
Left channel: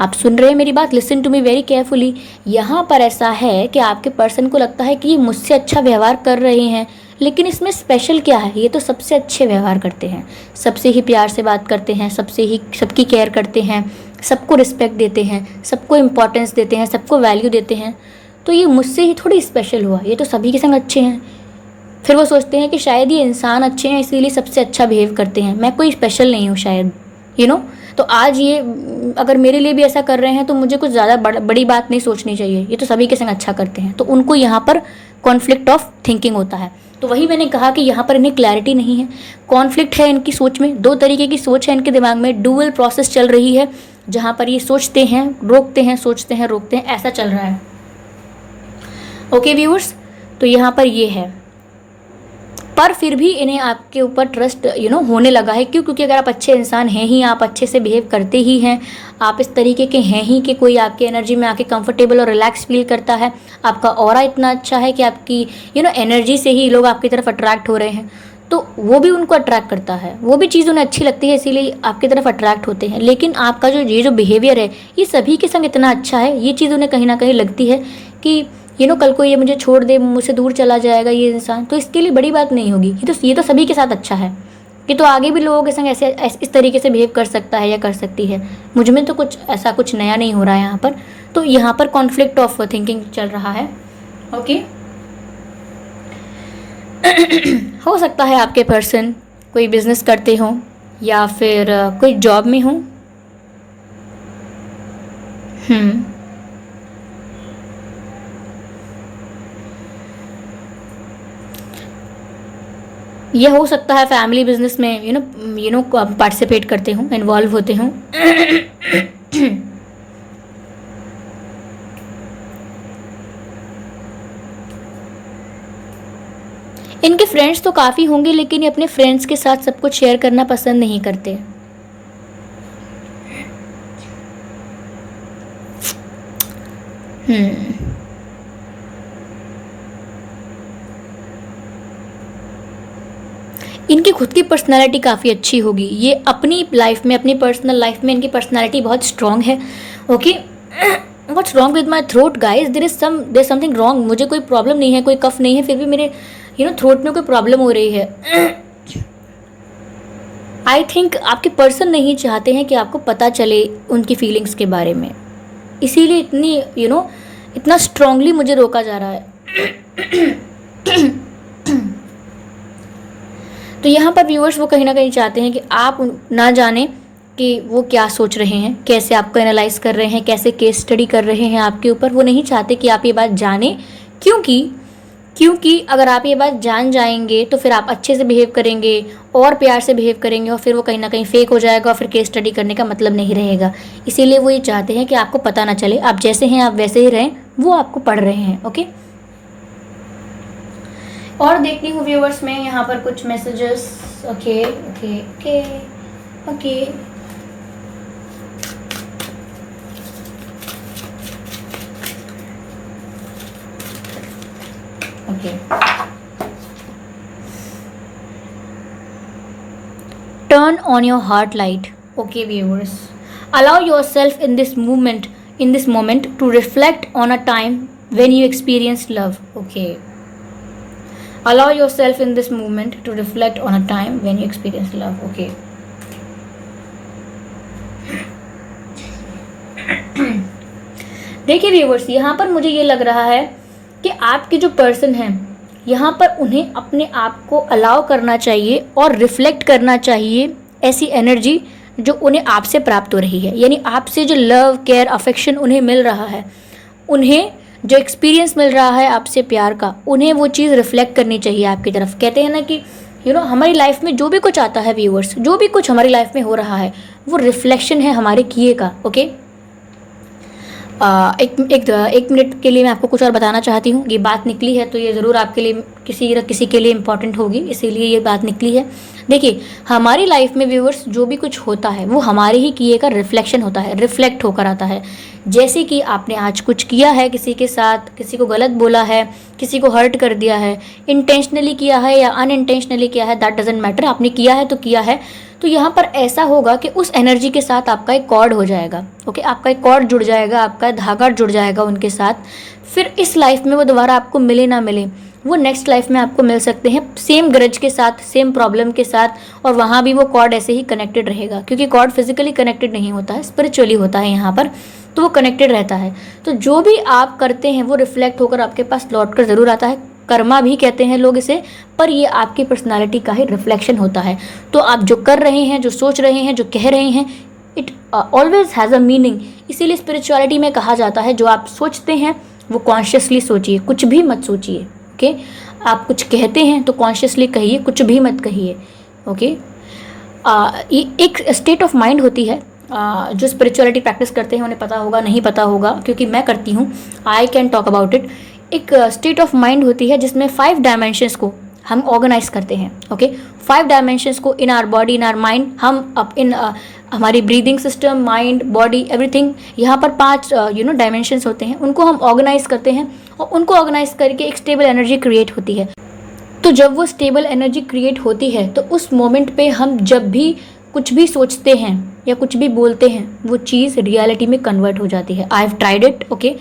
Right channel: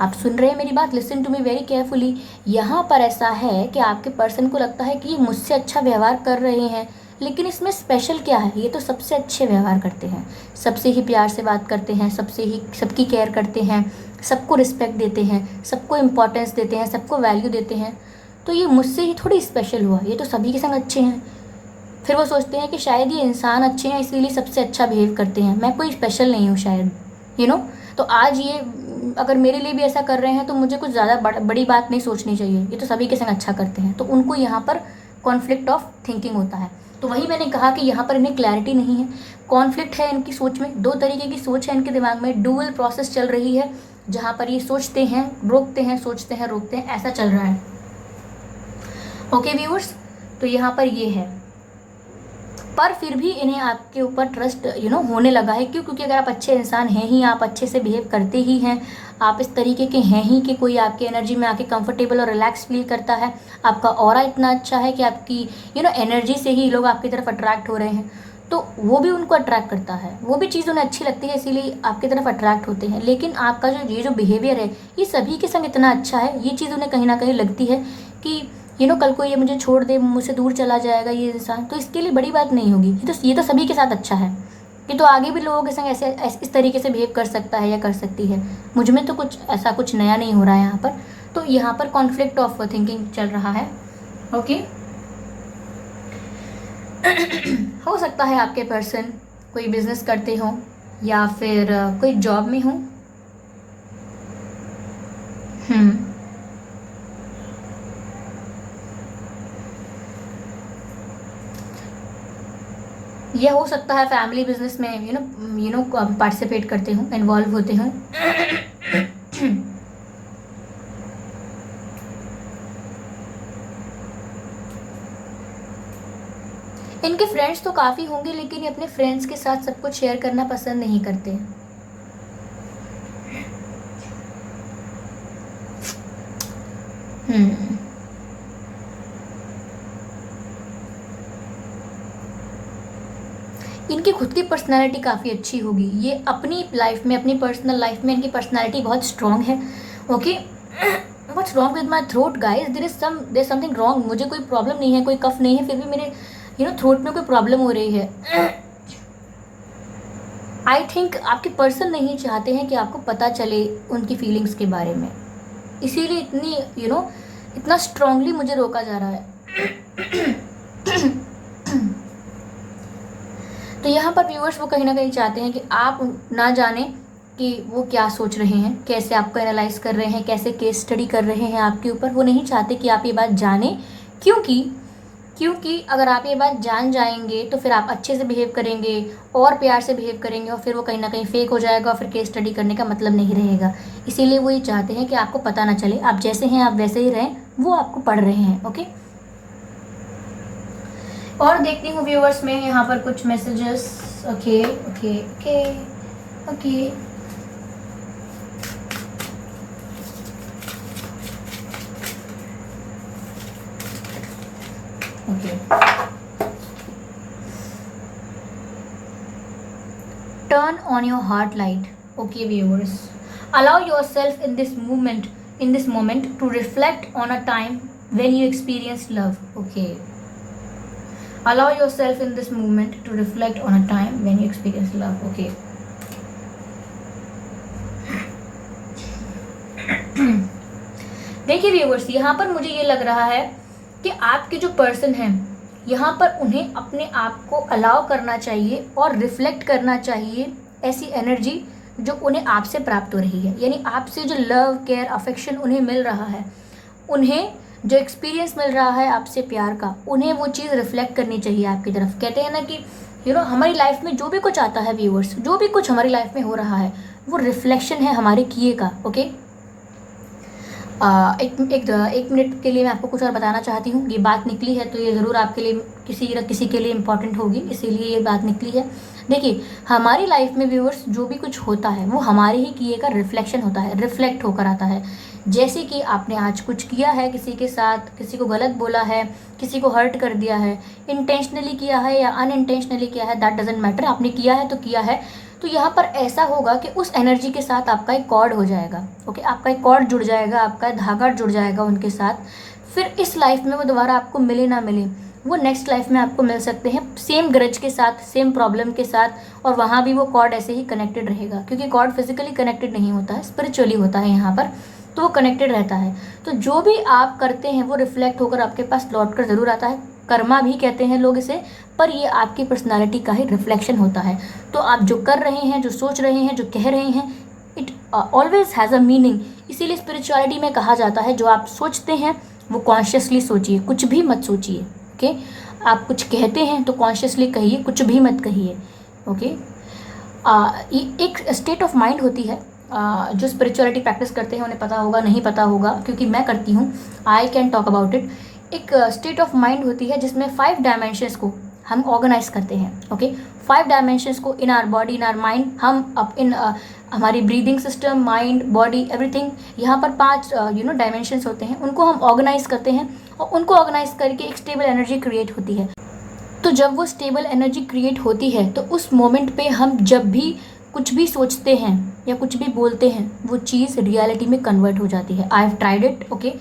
आप सुन रहे हैं मेरी बात, listen to me very carefully. यहाँ पर ऐसा है कि आपके पर्सन को लगता है कि ये मुझसे अच्छा व्यवहार कर रहे हैं, लेकिन इसमें स्पेशल क्या है, ये तो सबसे अच्छे व्यवहार करते हैं, सबसे ही प्यार से बात करते हैं, सबकी केयर करते हैं, सबको रिस्पेक्ट देते हैं, सबको इम्पोर्टेंस देते हैं, सबको वैल्यू देते हैं, तो ये मुझसे ही थोड़ी स्पेशल हुआ, ये तो सभी के संग अच्छे हैं। फिर वो सोचते हैं कि शायद ये इंसान अच्छे हैं इसीलिए सबसे अच्छा बिहेव करते हैं, मैं कोई स्पेशल नहीं हूँ शायद, तो आज ये अगर मेरे लिए भी ऐसा कर रहे हैं तो मुझे कुछ ज़्यादा बड़ी बात नहीं सोचनी चाहिए, ये तो सभी के संग अच्छा करते हैं। तो उनको यहाँ पर कॉन्फ्लिक्ट ऑफ थिंकिंग होता है। तो वही मैंने कहा कि यहाँ पर इन्हें क्लैरिटी नहीं है, कॉन्फ्लिक्ट है इनकी सोच में, 2 तरीके की सोच है इनके दिमाग में, डुअल प्रोसेस चल रही है, जहाँ पर ये सोचते हैं रोकते हैं, सोचते हैं रोकते हैं, ऐसा चल रहा है। ओके व्यूअर्स, तो यहाँ पर ये है, पर फिर भी इन्हें आपके ऊपर ट्रस्ट होने लगा है। क्यों? क्योंकि अगर आप अच्छे इंसान हैं ही, आप अच्छे से बिहेव करते ही हैं, आप इस तरीके के हैं ही कि कोई आपके एनर्जी में आके कंफर्टेबल और रिलैक्स फील करता है, आपका ऑरा इतना अच्छा है कि आपकी एनर्जी से ही लोग आपकी तरफ अट्रैक्ट हो रहे हैं, तो वो भी उनको अट्रैक्ट करता है, वो भी चीज़ उन्हें अच्छी लगती है, इसीलिए आपकी तरफ अट्रैक्ट होते हैं। लेकिन आपका जो बिहेवियर है ये सभी के संग इतना अच्छा है, ये चीज़ उन्हें कहीं ना कहीं लगती है कि कल को ये मुझे छोड़ दे, मुझसे दूर चला जाएगा ये इंसान, तो इसके लिए बड़ी बात नहीं होगी, ये तो सभी के साथ अच्छा है, ये तो आगे भी लोगों के संग ऐसे इस तरीके से बिहेव कर सकता है या कर सकती है, मुझ में तो कुछ नया नहीं हो रहा है यहाँ पर। तो यहाँ पर कॉन्फ्लिक्ट ऑफ थिंकिंग चल रहा है। ओके हो सकता है आपके पर्सन कोई बिजनेस करते हो या फिर कोई जॉब में हो। ये हो सकता है फैमिली बिजनेस में पार्टिसिपेट करते हो, इन्वॉल्व होते हो। इनके फ्रेंड्स तो काफ़ी होंगे, लेकिन ये अपने फ्रेंड्स के साथ सब कुछ शेयर करना पसंद नहीं करते। इनकी खुद की पर्सनालिटी काफ़ी अच्छी होगी, ये अपनी लाइफ में, अपनी पर्सनल लाइफ में इनकी पर्सनालिटी बहुत स्ट्रॉन्ग है। Okay, what's wrong with my throat guys, there is something wrong. मुझे कोई प्रॉब्लम नहीं है, कोई कफ नहीं है, फिर भी मेरे थ्रोट में कोई प्रॉब्लम हो रही है। आई थिंक आपके पर्सन नहीं चाहते हैं कि आपको पता चले उनकी फीलिंग्स के बारे में, इसीलिए इतनी इतना स्ट्रांगली मुझे रोका जा रहा है। तो यहाँ पर व्यूअर्स वो कहीं ना कहीं चाहते हैं कि आप ना जाने कि वो क्या सोच रहे हैं, कैसे आपको एनालाइज कर रहे हैं, कैसे केस स्टडी कर रहे हैं आपके ऊपर। वो नहीं चाहते कि आप ये बात जानें, क्योंकि अगर आप ये बात जान जाएंगे तो फिर आप अच्छे से बिहेव करेंगे और प्यार से बिहेव करेंगे, और फिर वो कहीं ना कहीं फेक हो जाएगा और फिर केस स्टडी करने का मतलब नहीं रहेगा। इसीलिए वो ये चाहते हैं कि आपको पता ना चले, आप जैसे हैं आप वैसे ही रहें, वो आपको पढ़ रहे हैं। ओके, और देखती हूँ व्यूअर्स में यहाँ पर कुछ messages. Okay okay okay okay okay turn on your heart light. Okay viewers, allow yourself in this moment to reflect on a time when you experienced love. Okay, allow yourself in this moment to reflect on a time when you experienced love. Okay. देखिए viewers, यहाँ पर मुझे ये लग रहा है कि आपके जो पर्सन हैं, यहाँ पर उन्हें अपने आप को अलाउ करना चाहिए और रिफ्लेक्ट करना चाहिए ऐसी एनर्जी जो उन्हें आपसे प्राप्त हो रही है। यानी आपसे जो लव, केयर, अफेक्शन उन्हें मिल रहा है, उन्हें जो एक्सपीरियंस मिल रहा है आपसे प्यार का, उन्हें वो चीज़ रिफ्लेक्ट करनी चाहिए आपकी तरफ। कहते हैं ना कि हमारी लाइफ में जो भी कुछ आता है व्यूअर्स, जो भी कुछ हमारी लाइफ में हो रहा है वो रिफ्लेक्शन है हमारे किए का। ओके, एक मिनट के लिए मैं आपको कुछ और बताना चाहती हूँ। ये बात निकली है तो ये ज़रूर आपके लिए किसी के लिए इम्पॉर्टेंट होगी, इसीलिए ये बात निकली है। देखिए, हमारी लाइफ में व्यूअर्स जो भी कुछ होता है वो हमारे ही किए का रिफ्लेक्शन होता है, रिफ्लेक्ट होकर आता है। जैसे कि आपने आज कुछ किया है किसी के साथ, किसी को गलत बोला है, किसी को हर्ट कर दिया है, इंटेंशनली किया है या अनइंटेंशनली किया है, दैट डजेंट मैटर, आपने किया है तो किया है। तो यहाँ पर ऐसा होगा कि उस एनर्जी के साथ आपका एक कॉर्ड हो जाएगा। ओके, आपका एक कॉर्ड जुड़ जाएगा, आपका धागा जुड़ जाएगा उनके साथ। फिर इस लाइफ में वो दोबारा आपको मिले ना मिले, वो नेक्स्ट लाइफ में आपको मिल सकते हैं सेम ग्रज के साथ, सेम प्रॉब्लम के साथ, और वहाँ भी वो कॉर्ड ऐसे ही कनेक्टेड रहेगा। क्योंकि कॉर्ड फिजिकली कनेक्टेड नहीं होता है, स्पिरिचुअली होता है यहाँ पर, तो वो कनेक्टेड रहता है। तो जो भी आप करते हैं वो रिफ्लेक्ट होकर आपके पास लौट कर ज़रूर आता है। कर्मा भी कहते हैं लोग इसे, पर ये आपकी पर्सनालिटी का ही रिफ्लेक्शन होता है। तो आप जो कर रहे हैं, जो सोच रहे हैं, जो कह रहे हैं, it always has a meaning. इसीलिए स्पिरिचुअलिटी में कहा जाता है जो आप सोचते हैं वो कॉन्शियसली सोचिए, कुछ भी मत सोचिए। ओके, आप कुछ कहते हैं तो कॉन्शियसली कहिए, कुछ भी मत कहिए। ओके, ये एक स्टेट ऑफ माइंड होती है। जो स्पिरिचुअलिटी प्रैक्टिस करते हैं उन्हें पता होगा, नहीं पता होगा, क्योंकि मैं करती हूँ, I can talk about it. एक स्टेट ऑफ माइंड होती है जिसमें 5 डायमेंशंस को हम ऑर्गेनाइज करते हैं। ओके, 5 डायमेंशंस को in our body, in our mind, हम अप इन हमारी breathing system, mind, body, everything, यहाँ पर 5 डायमेंशंस होते हैं, उनको हम ऑर्गेनाइज करते हैं और उनको ऑर्गेनाइज करके एक स्टेबल एनर्जी क्रिएट होती है। तो जब वो स्टेबल एनर्जी क्रिएट होती है तो उस मोमेंट पे हम जब भी कुछ भी सोचते हैं या कुछ भी बोलते हैं, वो चीज़ रियलिटी में कन्वर्ट हो जाती है। I have tried it. Okay,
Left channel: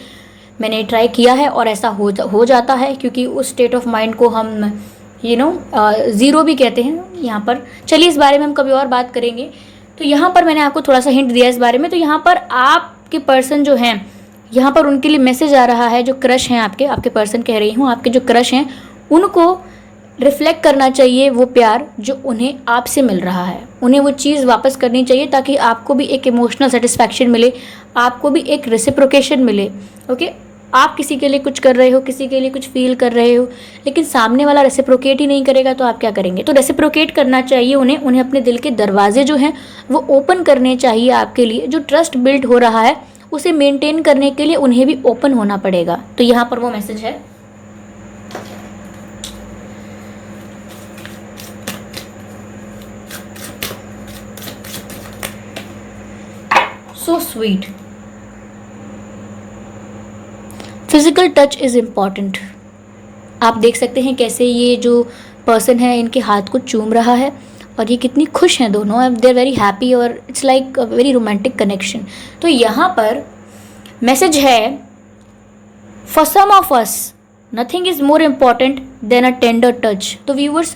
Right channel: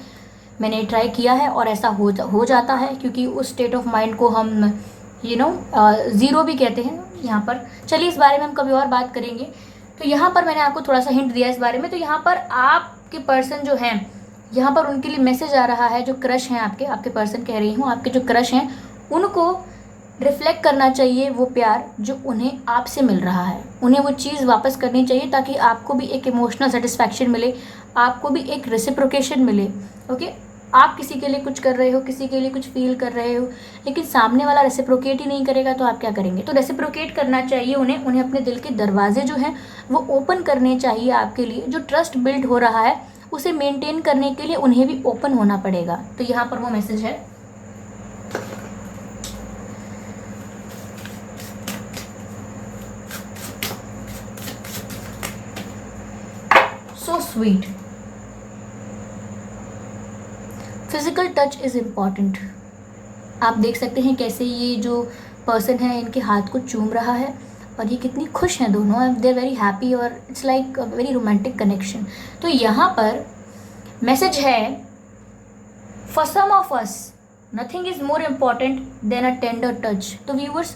मैंने ट्राई किया है और ऐसा हो जाता है, क्योंकि उस स्टेट ऑफ माइंड को हम ज़ीरो भी कहते हैं यहाँ पर। चलिए, इस बारे में हम कभी और बात करेंगे। तो यहाँ पर मैंने आपको थोड़ा सा हिंट दिया इस बारे में। तो यहाँ पर आपके पर्सन जो हैं, यहाँ पर उनके लिए मैसेज आ रहा है, जो क्रश हैं आपके पर्सन कह रही हूँ, आपके जो क्रश हैं उनको रिफ्लेक्ट करना चाहिए वो प्यार जो उन्हें आपसे मिल रहा है। उन्हें वो चीज़ वापस करनी चाहिए ताकि आपको भी एक इमोशनल सेटिस्फैक्शन मिले, आपको भी एक रेसिप्रोकेशन मिले। ओके, आप किसी के लिए कुछ कर रहे हो, किसी के लिए कुछ फील कर रहे हो, लेकिन सामने वाला रेसिप्रोकेट ही नहीं करेगा तो आप क्या करेंगे? तो रेसिप्रोकेट करना चाहिए उन्हें अपने दिल के दरवाजे जो हैं वो ओपन करने चाहिए आपके लिए। जो ट्रस्ट बिल्ड हो रहा है उसे मेंटेन करने के लिए उन्हें भी ओपन होना पड़ेगा। तो यहाँ पर वो मैसेज है। So sweet, physical touch is important. आप देख सकते हैं कैसे ये जो पर्सन है इनके हाथ को चूम रहा है और ये कितनी खुश हैं दोनों, दे आर वेरी हैप्पी और it's like a very romantic connection. तो यहाँ पर मैसेज है, for some of us nothing is more important than a tender touch. तो व्यूवर्स,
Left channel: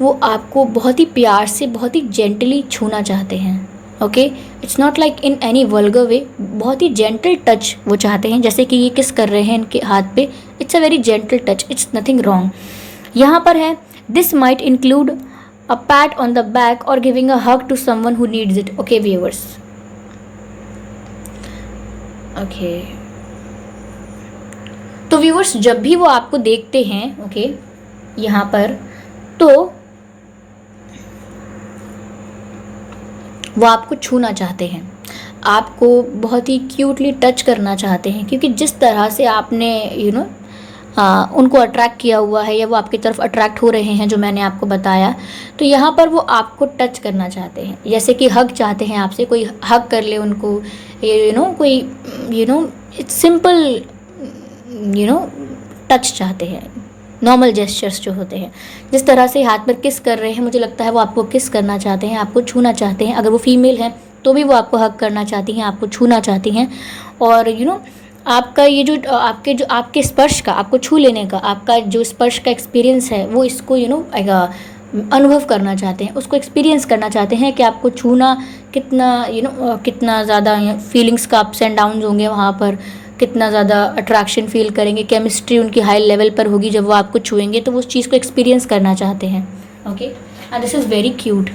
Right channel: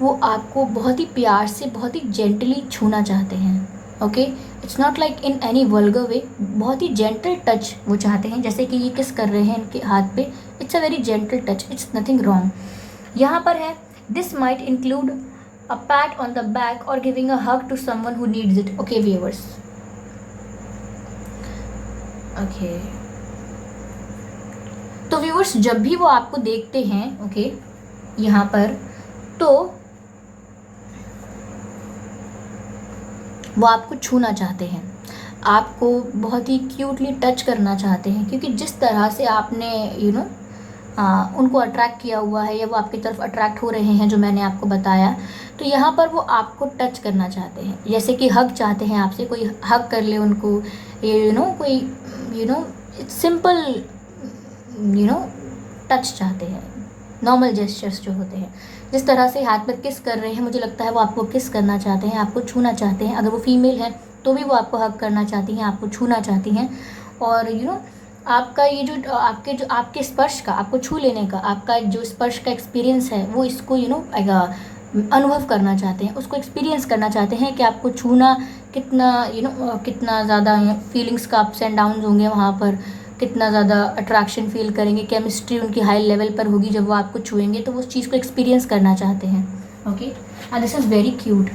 वो आपको बहुत ही प्यार से, बहुत ही जेंटली छूना चाहते हैं। Okay, it's not like in any vulgar way, बहुत ही जेंटल टच वो चाहते हैं। जैसे कि ये किस कर रहे हैं इनके हाथ पे, it's a very gentle touch, it's nothing wrong. यहाँ पर है, this might include a pat on the back और giving a hug to someone who needs it. Okay viewers, okay, तो व्यूअर्स जब भी वो आपको देखते हैं, ओके, यहाँ पर, तो वो आपको छूना चाहते हैं, आपको बहुत ही क्यूटली टच करना चाहते हैं, क्योंकि जिस तरह से आपने उनको अट्रैक्ट किया हुआ है या वो आपकी तरफ अट्रैक्ट हो रहे हैं जो मैंने आपको बताया, तो यहाँ पर वो आपको टच करना चाहते हैं। जैसे कि हग चाहते हैं आपसे, कोई हग कर ले उनको, कोई इट्स सिंपल टच चाहते हैं, नॉर्मल जेस्चर्स जो होते हैं। जिस तरह से हाथ पर किस कर रहे हैं, मुझे लगता है वो आपको किस करना चाहते हैं, आपको छूना चाहते हैं। अगर वो फीमेल है तो भी वो आपको हग करना चाहती हैं, आपको छूना चाहती हैं। और आपका ये जो आपके स्पर्श का, आपको छू लेने का, आपका जो स्पर्श का एक्सपीरियंस है वो इसको अनुभव करना चाहते हैं, उसको एक्सपीरियंस करना चाहते हैं कि आपको छूना कितना कितना ज़्यादा फीलिंग्स का अप्स एंड डाउन्स होंगे वहाँ पर, कितना ज़्यादा अट्रैक्शन फील करेंगे, केमिस्ट्री उनकी हाई लेवल पर होगी जब वो आपको छुएंगे, तो वो उस चीज़ को एक्सपीरियंस करना चाहते हैं। Okay, and this is very cute.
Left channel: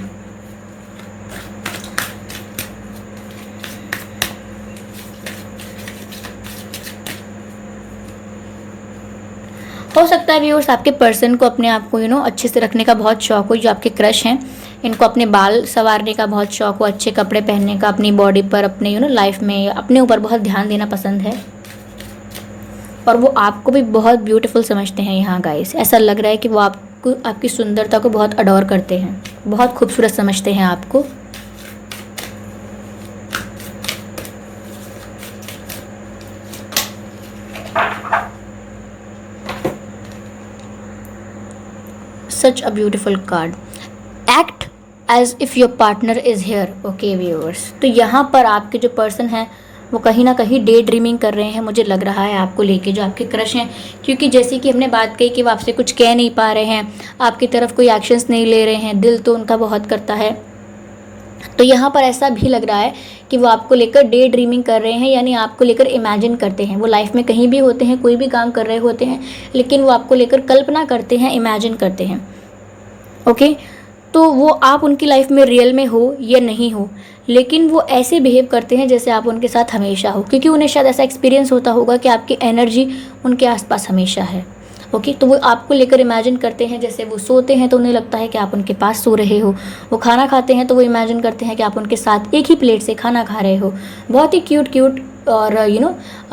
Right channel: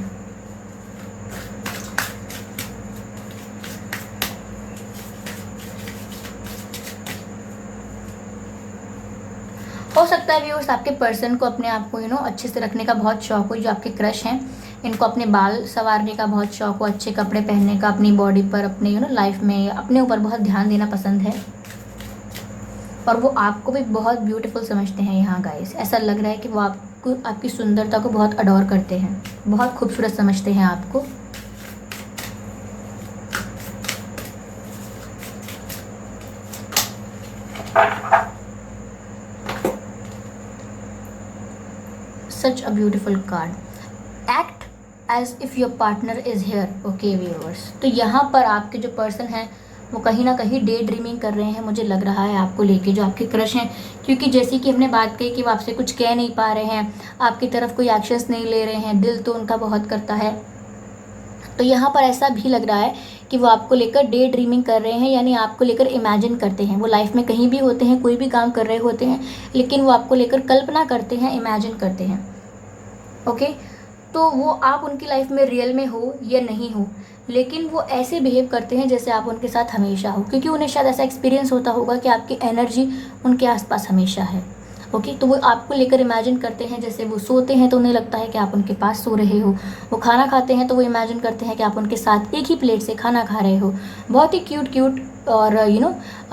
हो सकता है व्यूअर्स आपके पर्सन को अपने आप को अच्छे से रखने का बहुत शौक हो। जो आपके क्रश हैं इनको अपने बाल संवारने का बहुत शौक हो, अच्छे कपड़े पहनने का, अपनी बॉडी पर, अपने लाइफ में अपने ऊपर बहुत ध्यान देना पसंद है, और वो आपको भी बहुत ब्यूटीफुल समझते हैं। यहाँ गाइस ऐसा लग रहा है कि वो आपको, आपकी सुंदरता को बहुत अडोर करते हैं, बहुत खूबसूरत समझते हैं आपको। Such a beautiful card. Act as if your partner is here. Okay viewers, तो यहाँ पर आपके जो पर्सन हैं वो कहीं ना कहीं डे ड्रीमिंग कर रहे हैं, मुझे लग रहा है आपको लेके, जो आपके क्रश हैं। क्योंकि जैसे कि हमने बात कही कि वो आपसे कुछ कह नहीं पा रहे हैं, आपकी तरफ कोई एक्शंस नहीं ले रहे हैं, दिल तो उनका बहुत करता है। तो यहाँ पर ऐसा भी लग रहा है कि वो आपको लेकर डे ड्रीमिंग कर रहे हैं, यानी आपको लेकर इमेजिन करते हैं। वो लाइफ में कहीं भी होते हैं, कोई भी काम कर रहे होते हैं, लेकिन वो आपको लेकर कल्पना करते हैं, इमेजिन करते हैं। ओके, तो वो आप उनकी लाइफ में रियल में हो या नहीं हो, लेकिन वो ऐसे बिहेव करते हैं जैसे आप उनके साथ हमेशा हो, क्योंकि उन्हें शायद ऐसा एक्सपीरियंस होता होगा कि आपकी एनर्जी उनके आसपास हमेशा है। ओके, तो वो आपको लेकर इमेजिन करते हैं, जैसे वो सोते हैं तो उन्हें लगता है कि आप उनके पास सो रहे हो, वो खाना खाते हैं तो वो इमेजिन करते हैं कि आप उनके साथ एक ही प्लेट से खाना खा रहे हो। बहुत ही क्यूट और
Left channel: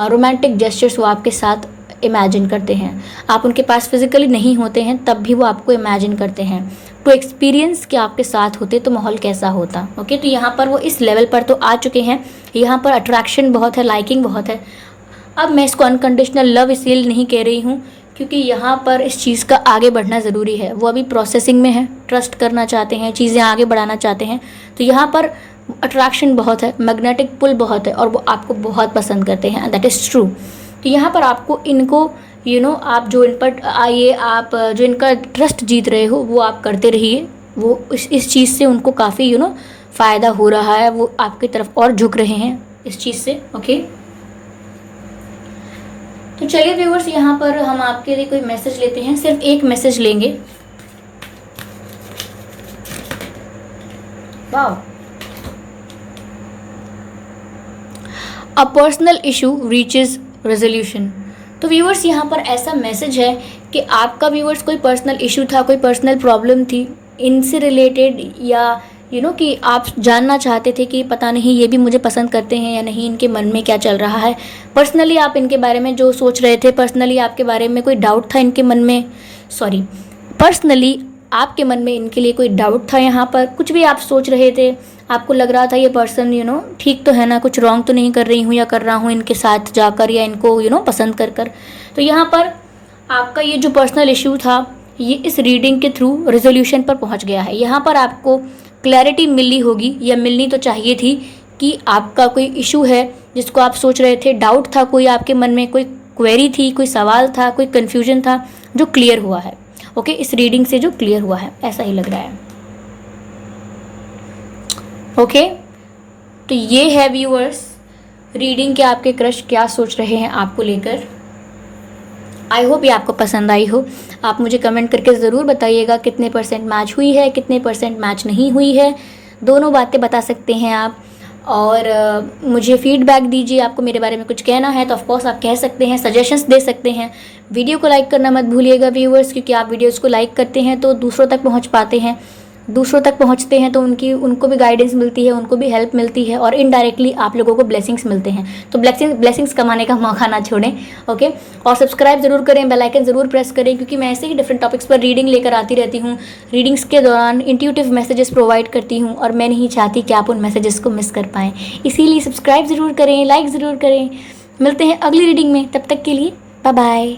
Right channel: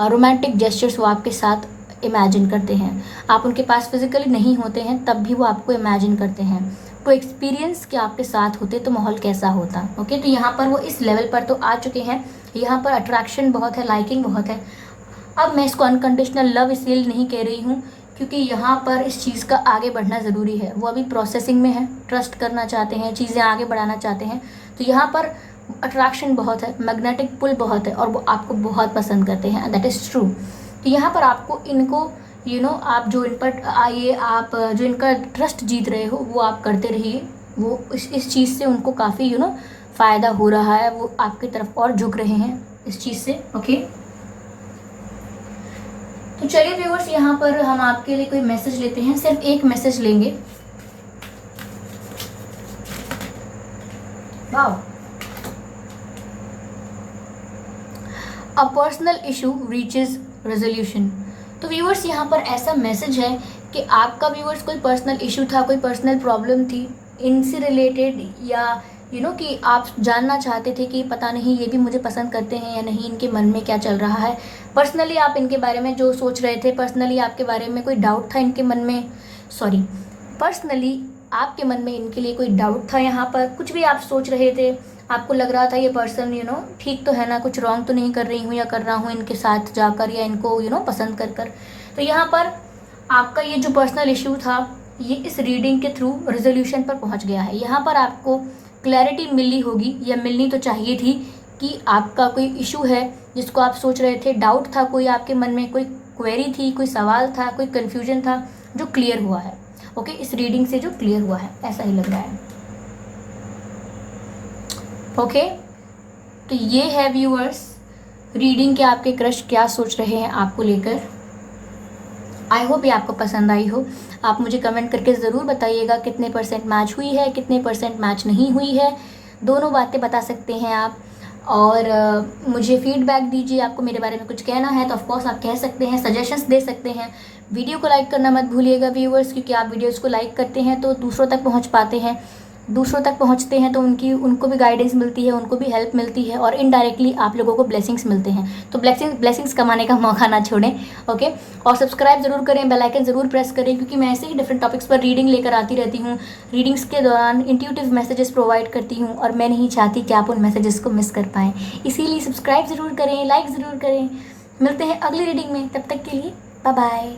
रोमांटिक जेस्चर्स वो आपके साथ इमेजिन करते हैं। आप उनके पास फिजिकली नहीं होते हैं तब भी वो आपको इमेजिन करते हैं, तो एक्सपीरियंस कि आपके साथ होते तो माहौल कैसा होता। ओके, तो यहाँ पर वो इस लेवल पर तो आ चुके हैं, यहाँ पर अट्रैक्शन बहुत है, लाइकिंग बहुत है। अब मैं इसको अनकंडीशनल लव इसलिए नहीं कह रही हूँ क्योंकि यहाँ पर इस चीज़ का आगे बढ़ना ज़रूरी है। वो अभी प्रोसेसिंग में है, ट्रस्ट करना चाहते हैं, चीज़ें आगे बढ़ाना चाहते हैं, तो यहाँ पर अट्रैक्शन बहुत है, मैग्नेटिक पुल बहुत है, और वो आपको बहुत पसंद करते हैं, दैट इज़ ट्रू। तो यहाँ पर आपको इनको आप जो इन पर आइए, आप जो इनका ट्रस्ट जीत रहे हो वो आप करते रहिए। वो इस चीज़ से उनको काफ़ी फ़ायदा हो रहा है, वो आपकी तरफ और झुक रहे हैं इस चीज़ से। ओके, तो चलिए व्यूअर्स, यहाँ पर हम आपके लिए कोई मैसेज लेते हैं, सिर्फ एक मैसेज लेंगे। Wow, a personal issue reaches resolution. तो व्यूअर्स यहाँ पर ऐसा मैसेज है कि आपका व्यूअर्स कोई पर्सनल इशू था, कोई पर्सनल प्रॉब्लम थी इनसे रिलेटेड, या कि आप जानना चाहते थे कि पता नहीं ये भी मुझे पसंद करते हैं या नहीं, इनके मन में क्या चल रहा है। पर्सनली आप इनके बारे में जो सोच रहे थे, पर्सनली आपके बारे में कोई डाउट था इनके मन में, पर्सनली आपके मन में इनके लिए कोई डाउट था। यहाँ पर कुछ भी आप सोच रहे थे, आपको लग रहा था ये पर्सन ठीक तो है ना, कुछ रॉन्ग तो नहीं कर रही हूँ या कर रहा हूँ इनके साथ जाकर, या इनको पसंद कर। तो यहाँ पर आपका ये जो पर्सनल इशू था ये इस रीडिंग के थ्रू रेजोल्यूशन पर पहुँच गया है। यहाँ पर आपको क्लैरिटी मिली होगी, या मिलनी तो चाहिए थी, कि आपका कोई इशू है जिसको आप सोच रहे थे, डाउट था कोई आपके मन में, कोई क्वेरी थी, कोई सवाल था, कोई कन्फ्यूजन था, जो क्लियर हुआ है। ओके, इस रीडिंग से जो क्लियर हुआ है, ऐसा ही लग रहा है। ओके, तो ये है व्यूअर्स रीडिंग के आपके क्रश क्या सोच रहे हैं आपको लेकर। आई होप ये आपको पसंद आई हो। आप मुझे कमेंट करके ज़रूर बताइएगा कितने % मैच हुई है, कितने % मैच नहीं हुई है, दोनों बातें बता सकते हैं आप। और मुझे फीडबैक दीजिए, आपको मेरे बारे में कुछ कहना है तो ऑफकोर्स आप कह सकते हैं, सजेशंस दे सकते हैं। वीडियो को लाइक करना मत भूलिएगा व्यूअर्स, क्योंकि आप वीडियोज़ को लाइक करते हैं तो दूसरों तक पहुँच पाते हैं, दूसरों तक पहुंचते हैं तो उनको भी गाइडेंस मिलती है, उनको भी हेल्प मिलती है, और इनडायरेक्टली आप लोगों को ब्लेसिंग्स मिलते हैं। तो ब्लेसिंग्स कमाने का मौका ना छोड़ें। ओके, और सब्सक्राइब ज़रूर करें, बेल आइकन ज़रूर प्रेस करें, क्योंकि मैं ऐसे ही डिफरेंट टॉपिक्स पर रीडिंग लेकर आती रहती हूँ। रीडिंग्स के दौरान इंट्यूटिव मैसेजेस प्रोवाइड करती हूँ, और मैं नहीं चाहती कि आप उन मैसेजेस को मिस कर पाएँ, इसीलिए सब्सक्राइब ज़रूर करें, लाइक ज़रूर करें। मिलते हैं अगली रीडिंग में, तब तक के लिए बाय बाय।